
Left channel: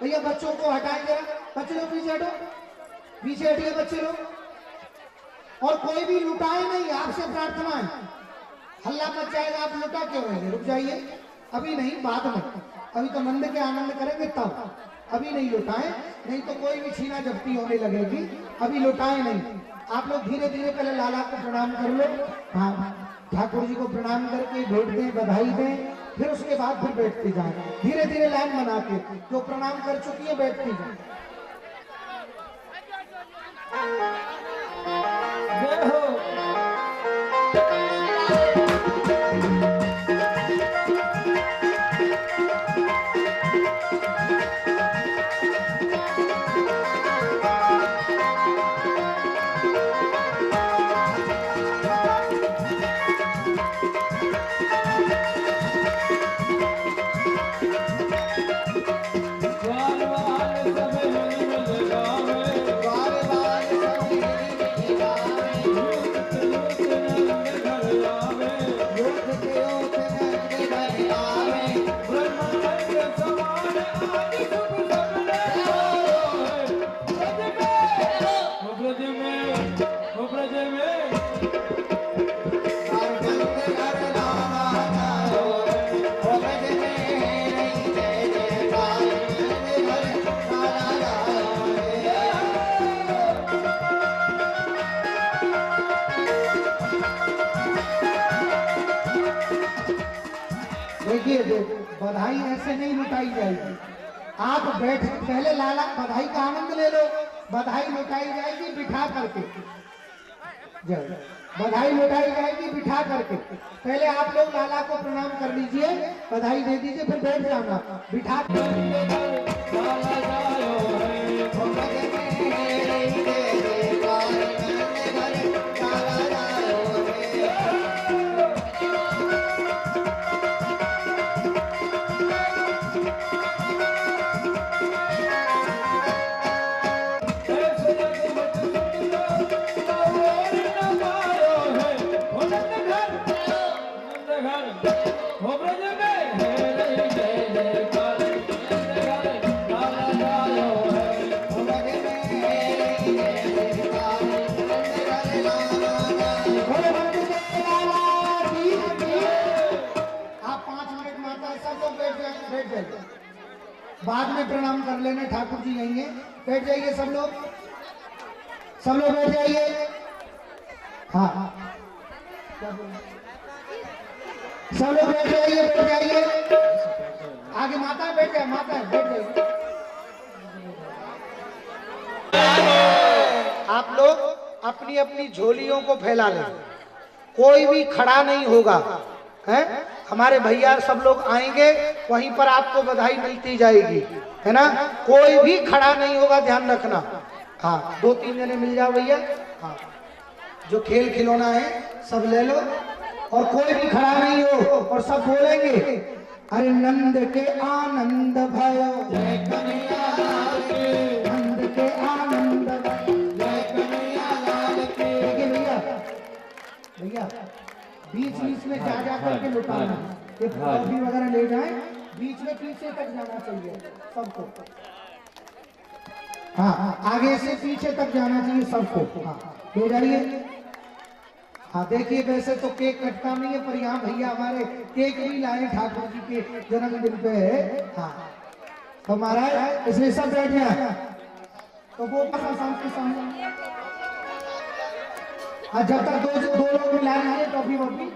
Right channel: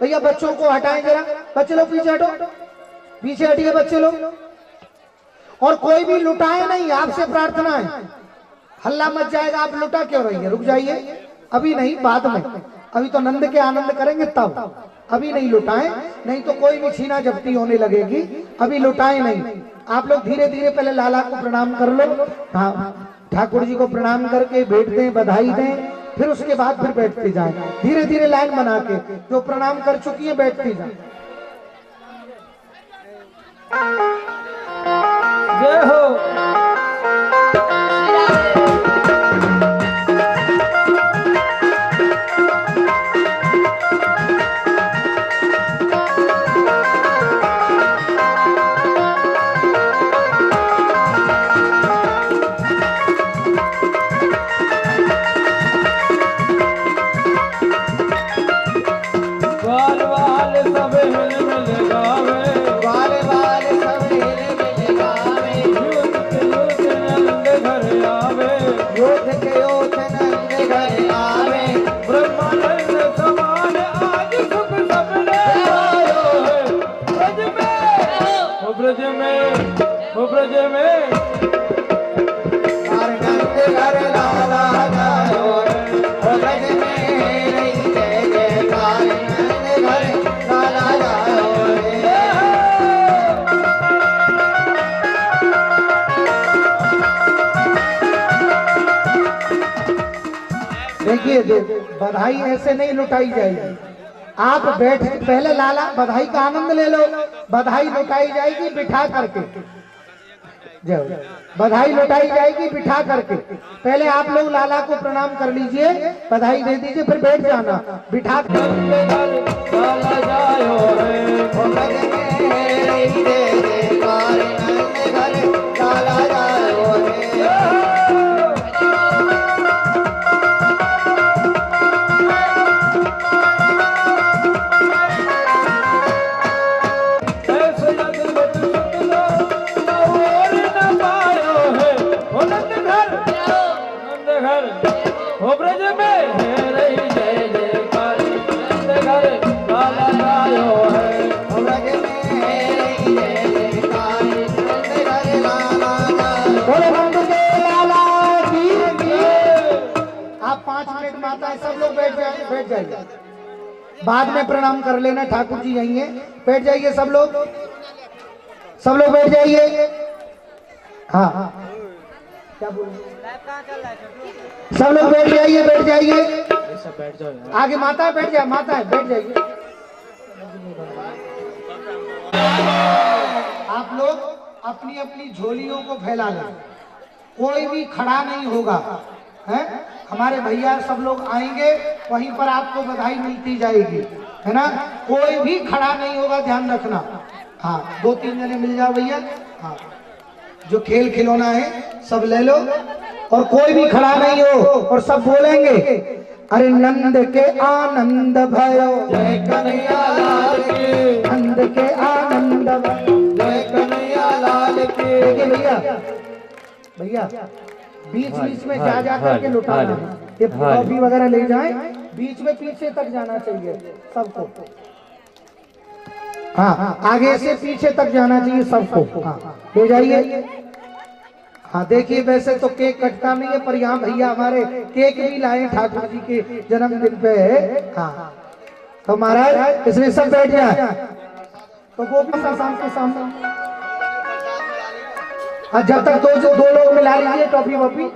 भैया बच्चों को हटाएं जरा, बच्चे लोग पीछे हटो, पीछे हटिए बच्चे लोग। और कोई भी लुटाए नहीं, आपसे प्रार्थना है, हल्ला मच जाएगा, आप लुटा क्यों रही है? रुक जाइए, अभी नहीं, बाद में। अभी तो नंद के आनंद करेंगे तब, अभी नहीं लुटाए, नहीं तो कोई भी छीना जब्ती होने लगेगी। अभी लुटाए नहीं, आप लोग धीरे धीरे पहले लाला को प्रणाम कर लो। हाँ ठाकुर जी को प्रणाम करके भेंट दें, बधाई दें, फिर उसके बाद फिर बैठते जाए, धीरे धीरे लाइन बना के। जो प्रणाम कर चुकी है बैठती जाए। जय हो। देखिए बधाई ऐसे नहीं लुटाई जाएगी। आप बैठ पहले लाला बधाई का आनंद ले लो। बधाई लुटाई जाएगी बिठा करके, जब बधाई लुटाई जाएगी बिठा करके। पहले आप लोग लाला को प्रणाम कर लीजिए, बधाई दे दीजिए, फिर बैठ जाना बिठा बाद में प्रणाम कर लेना। ठाकुर जी यही है, बैठ जाइए सब लोग बैठ जाइए। हाँ सब लोग बैठ जाइए। आगे माता है, बैठ जाए, माता है, बैठ जाइए। आप लोग अपनी अपनी झोलियों को फैला लें, कोई भी खड़ा नहीं होगा, है? हमारे भैया सब लोग आएंगे, वहीं पर आपको बधाई मिलती जाएगी, है ना? कोई भी खड़ा नहीं होगा, ध्यान रखना। हाँ 2-3 जने मिल जाओ भैया। हाँ जो खेल खिलौना है सब ले लो, और कोई भी खड़ा नहीं हो, और सब बोलेंगे अरे नंद के आनंद भयो, जय कन्हैया लाल की, नंद के आनंद भयो, जय कन्हैया लाल की। देखिए भैया बीच में जा करके लुटाना, ये कॉफी वगैरह ले जाए, बीच में पीछे तक जाना चाहिए सबको। हाँ आगे से पीछे तक जाना चाहिए सबको। हाँ ले जाइए। हाँ देखिए वैसे तो केक कटता नहीं है, पर यहाँ भैया हमारे केक भी लाए ठाकुर जी के जन्मदिन पे। हाँ तो महाराज इसलिए सब बैठ जाए। तो वो शाम के सामने हाँ जब तक दो लोग मिला लीजिए टॉफी वॉफी।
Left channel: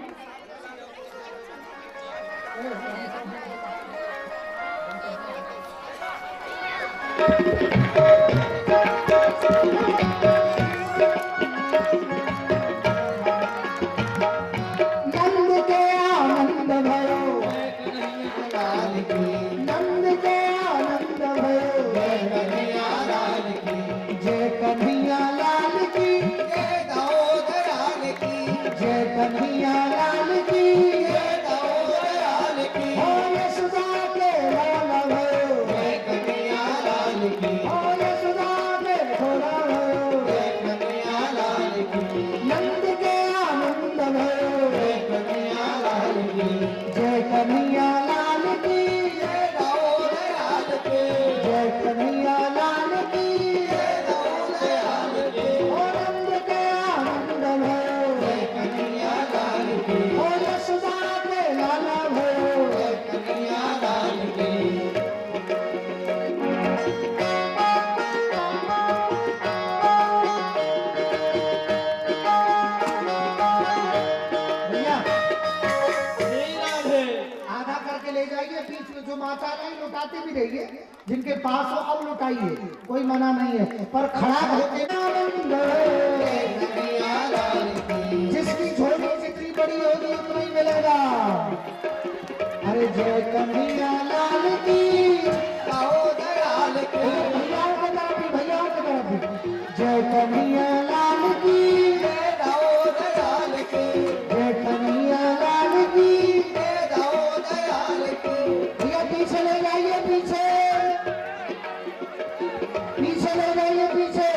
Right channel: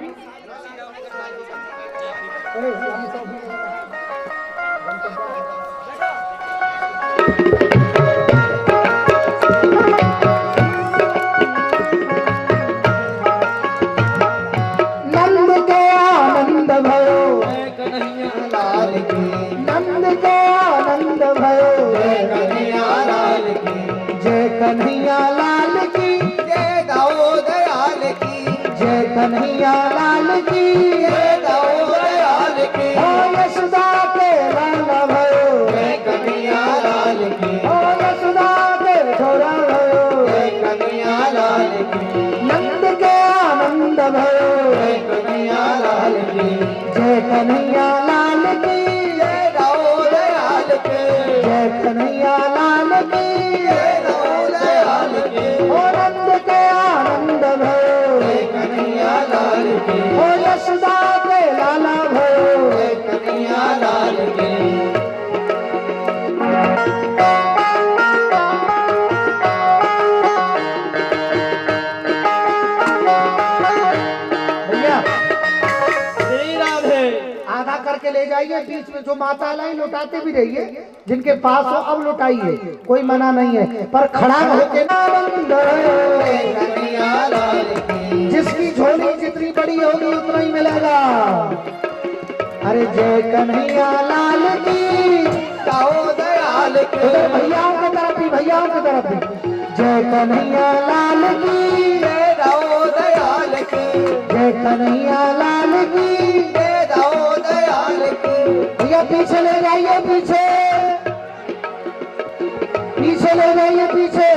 बीच में जो माता लाई लुटाते भी रहिए, जिनके पास हो अब लुटाइए, कोई मना नहीं है, पर खड़ा होके जिसकी झोली जितनी बड़ी होगी उतना ही मिलेगा। अरे जय कन्हैया लाल की, दयाल की, भैया की तरफ भी, भैया की तरफ भी, जय कन्हैया लाल की, दयाल की, जय कन्हैया लाल की, पीछे ले जाइए, पीछे ले जाइए, पीछे।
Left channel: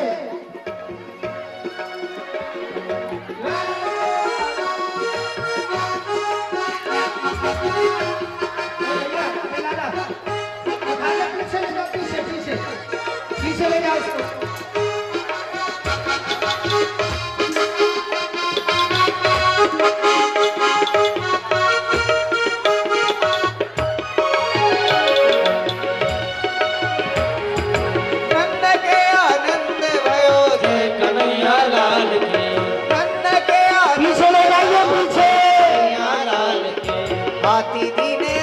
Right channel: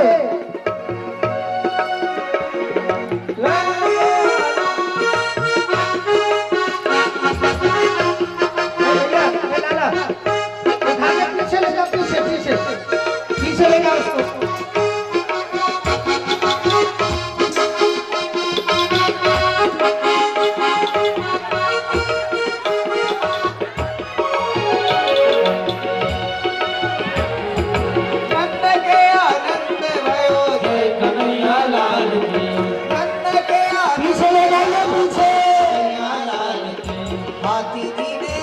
पीछे ले जाओ, पीछे ले जाओ उसको। हाथी जी ने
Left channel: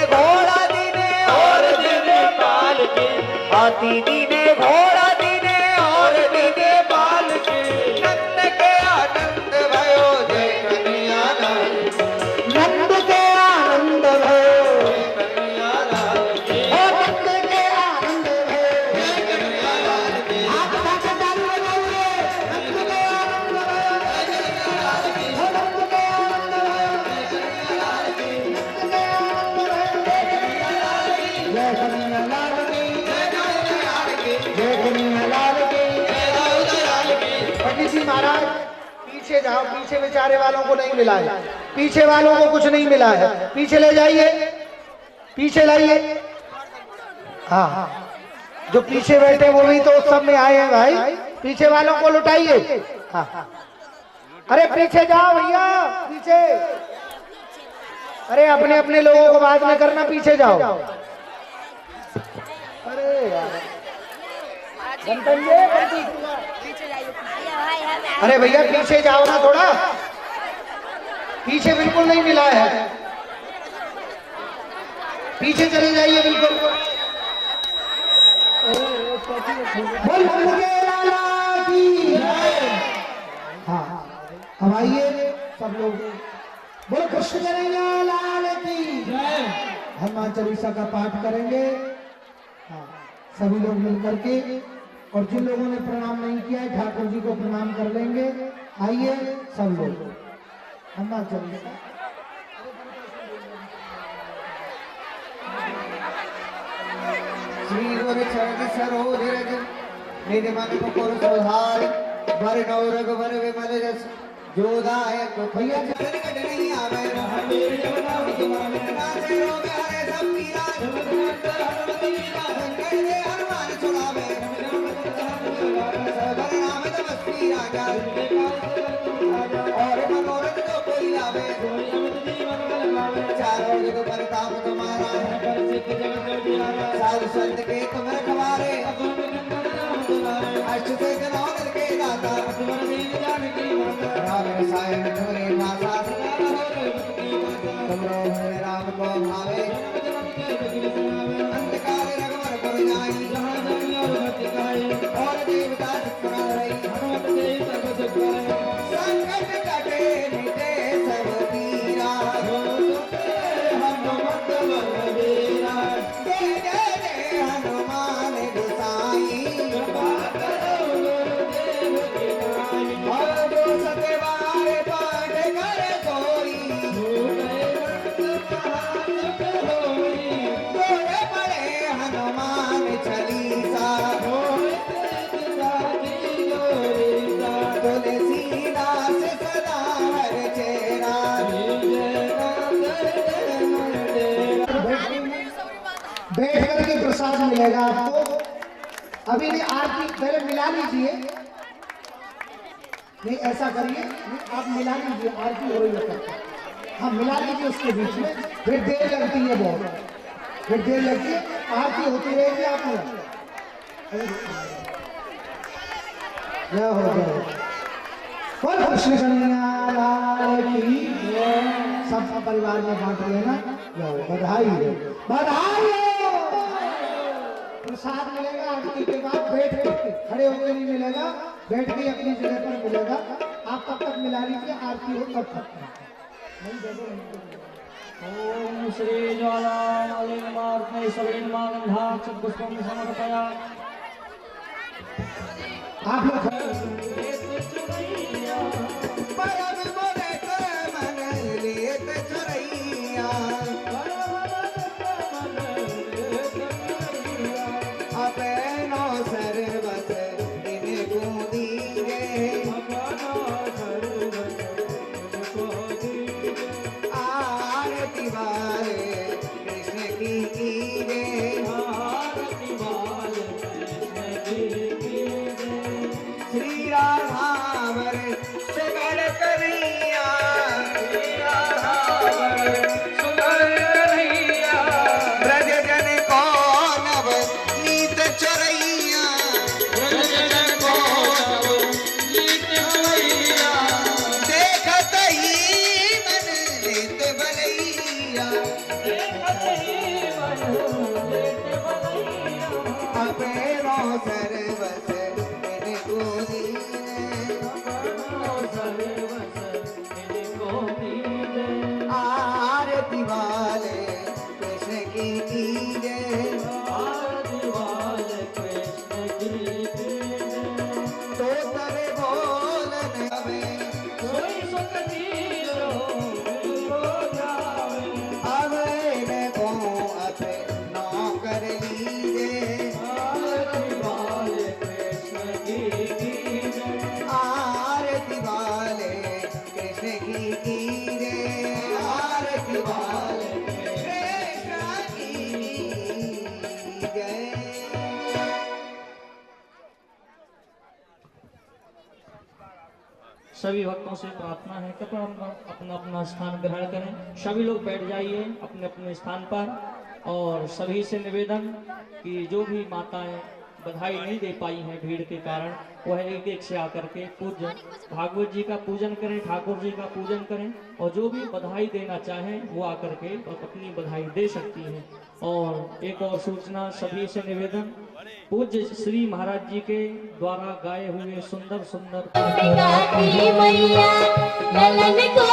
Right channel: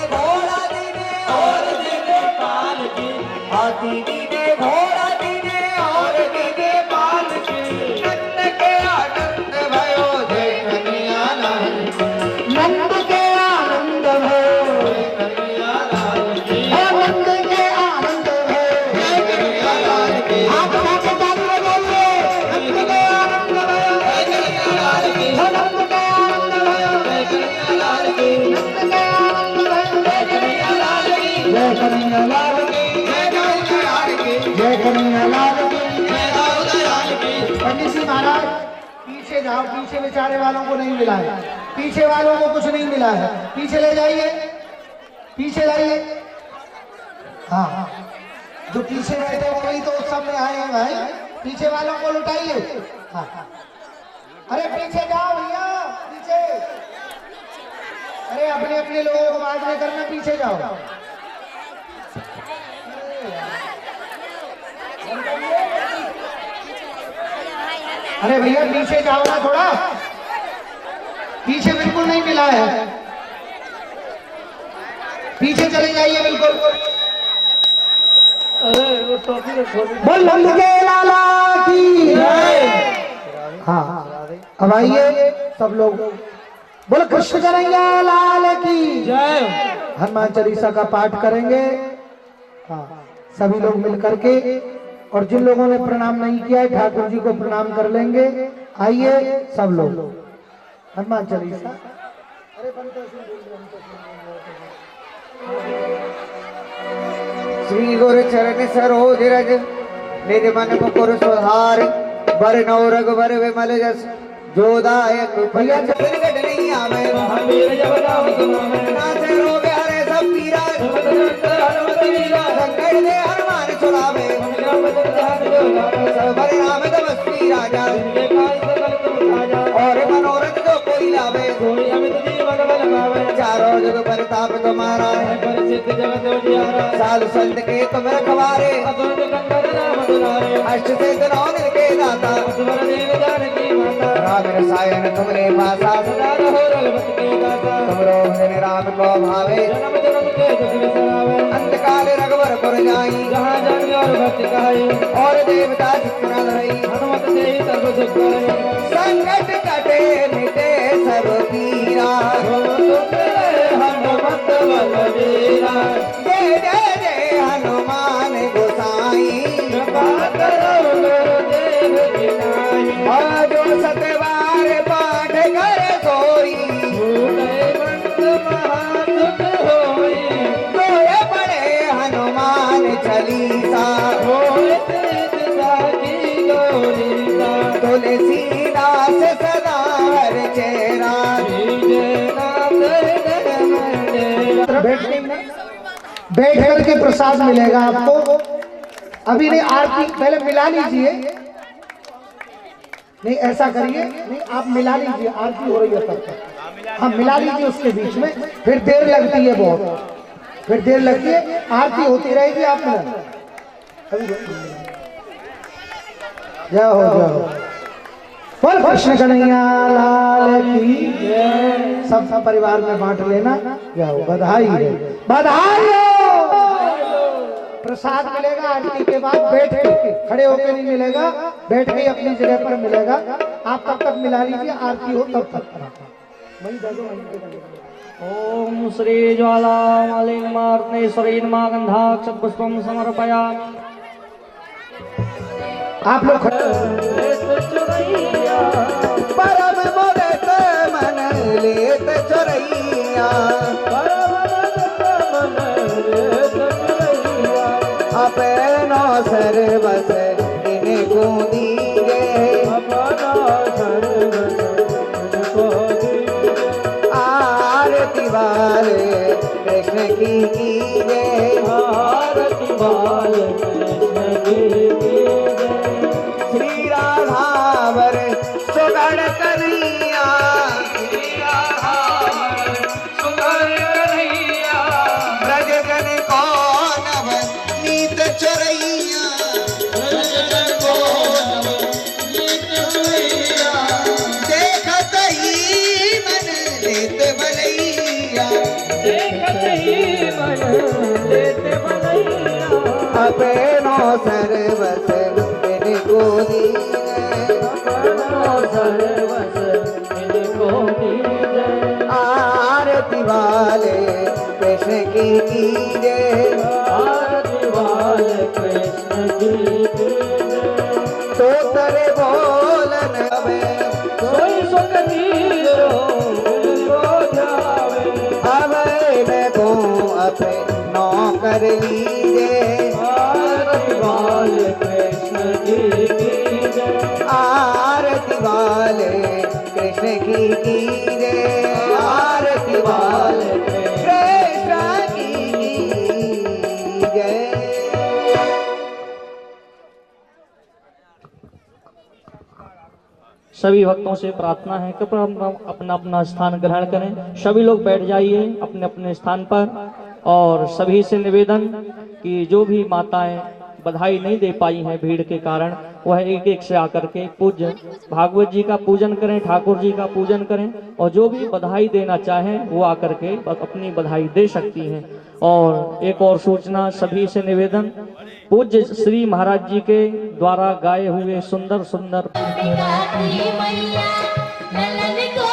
की, हाथी दीने घोड़ा दीने और दीने पाल की, नंद के आनंद भयो जय कन्हैया लाल की, नंद के आनंद भयो कन्हैया लाल की, नंद के आनंद भयो जय कन्हैया लाल की, आप सबके साथ में बोलिए नंद के आनंद भयो जय कन्हैया लाल की, नंद के आनंद भयो जय कन्हैया लाल की, नंद के आनंद भयो जय कन्हैया लाल की, जय कन्हैया लाल की जय दाऊद लाल की, जय कन्हैया लाल की जय दाऊद लाल की। पंडित जी महाराज पीछे जाओ, पीछे बेचारे वालों को नहीं मिला है, पीछे वालों को कुछ नहीं मिला है, पीछे ले जाइए, पीछे लाइए। हाँ हाँ, जो पीछे बैठे वो भी तो उत्सव में आए हैं भाई, पीछे वालों को लुटाइए। हाँ हाँ, अरे पीछे जाओ भैया, पीछे। अरे अपने अपने लोगों को बाद में करना, पीछे जाओ। अरे यार, अरे भैया पीछे जाओ ना थोड़ा, पीछे बिल्कुल नहीं मिला है, पीछे चले जाइए बिल्कुल। बोल नंद के लाला की जय। हाँ अब आइए सब लोग, बोल कृष्ण कन्हैया लाल की जय। हनुमान चालीसा का पाठ करेंगे। हाँ सभी लोग मिल करके, और जिन लोगों ने प्रणाम नहीं किया है ठाकुर जी को प्रणाम कर लेंगे। आइए सब लोग हनुमान चालीसा। श्री गुरु चरण सरोज रज निधि मन मुकुर सुधारि बर नौ रघुबर विमल जस जोदायक भैया चरण कट नहीं आवे हमें जब नाम सुनावे नाचे रो प्यारे सब पीरा संकट दे हनुमान छुड़ावे सर्वर नाम तपस्वी राजा और मनोरथ को कोई लावे चारों जग परताप तुम्हारा साधु संत के तुम रखवारे अष्ट सिद्ध नौ निधि के दाता राम रसायन तुमरे भाषा तुमरो दिन राम को भावे अंतकाल रघुवर पुर जाई और देवता चित्त न धरई संकट कटे मिटे सब पीरा हनुमत बलवीरा जय जय जय हनुमान गोसाई और जो सतबार पाठ करे सोई गोए पड़े हनुमान चालीसा तुलसीदास सदा हर चेरा बैठ करके प्रसाद मिलेगा आपको। अभी नहीं, आरती पहले मिला लीजिए। नहीं ऐसा करिए, नहीं आप मिला लीजिए, आरती हो रही है तब तक। हाँ मिला लीजिए उसके बीच में, फिर देर लगती है बहुत, फिर देर लगती है, आरती होती रहेगी। आप जय हो जय हो। बोल कृष्ण कन्हैया लाल की जय। सब परिवार में बांट लेना। जय हो, बधाई है, बधाई हो। प्रसाद मिलेगा आरती के बाद, बैठ के, खड़े होकर नहीं मिलेगा, बैठ के अपनी जगह पर मिलेगा। आप तब तक मिला लीजिए, आरती हो तब तक। ओम श्री ज्वाला मालिंगमार्तनेश्वरी नमः गंधाक्षपुष्पं समर्पयामि। आप लोग परम मुदित मन लेत चोरैया अपनो सर्वस इनको दीजे आरती वाले कृष्ण की कीजे श्री राधावर सुगण कन्हैया ब्रज जन को नव नीत चरैया देखत ही मन लेत भलैया अपनो सर्वस इनको आरती वाले कृष्ण की कीजिए तो तेरे बोलन में अब इनको अपनो कर लीजिए आरती वाले कृष्ण की कीजिए आरती वाले कृष्ण की कीजिए। सभी भक्तों से प्रार्थना है कि अपना अपना स्थान ग्रहण करें। सभी लोग बैठ जाइए अपने अपने स्थान पर। और सभी से निवेदन कि जो भी माताएं बधाई नहीं दे पाई हैं भीड़ के कारण, वह एक एक से आकर के पूज्य भागवत जी का पूजन करें, ठाकुर जी का पूजन करें। और जो भी बधाई देना चाहें वो आकर के अपनी बधाई दे सकती हैं। और एक और सूचना, सभी से निवेदन, पूज्य श्री महाराज जी के द्वारा गाए हुए सुंदर सुंदर मैया ललन को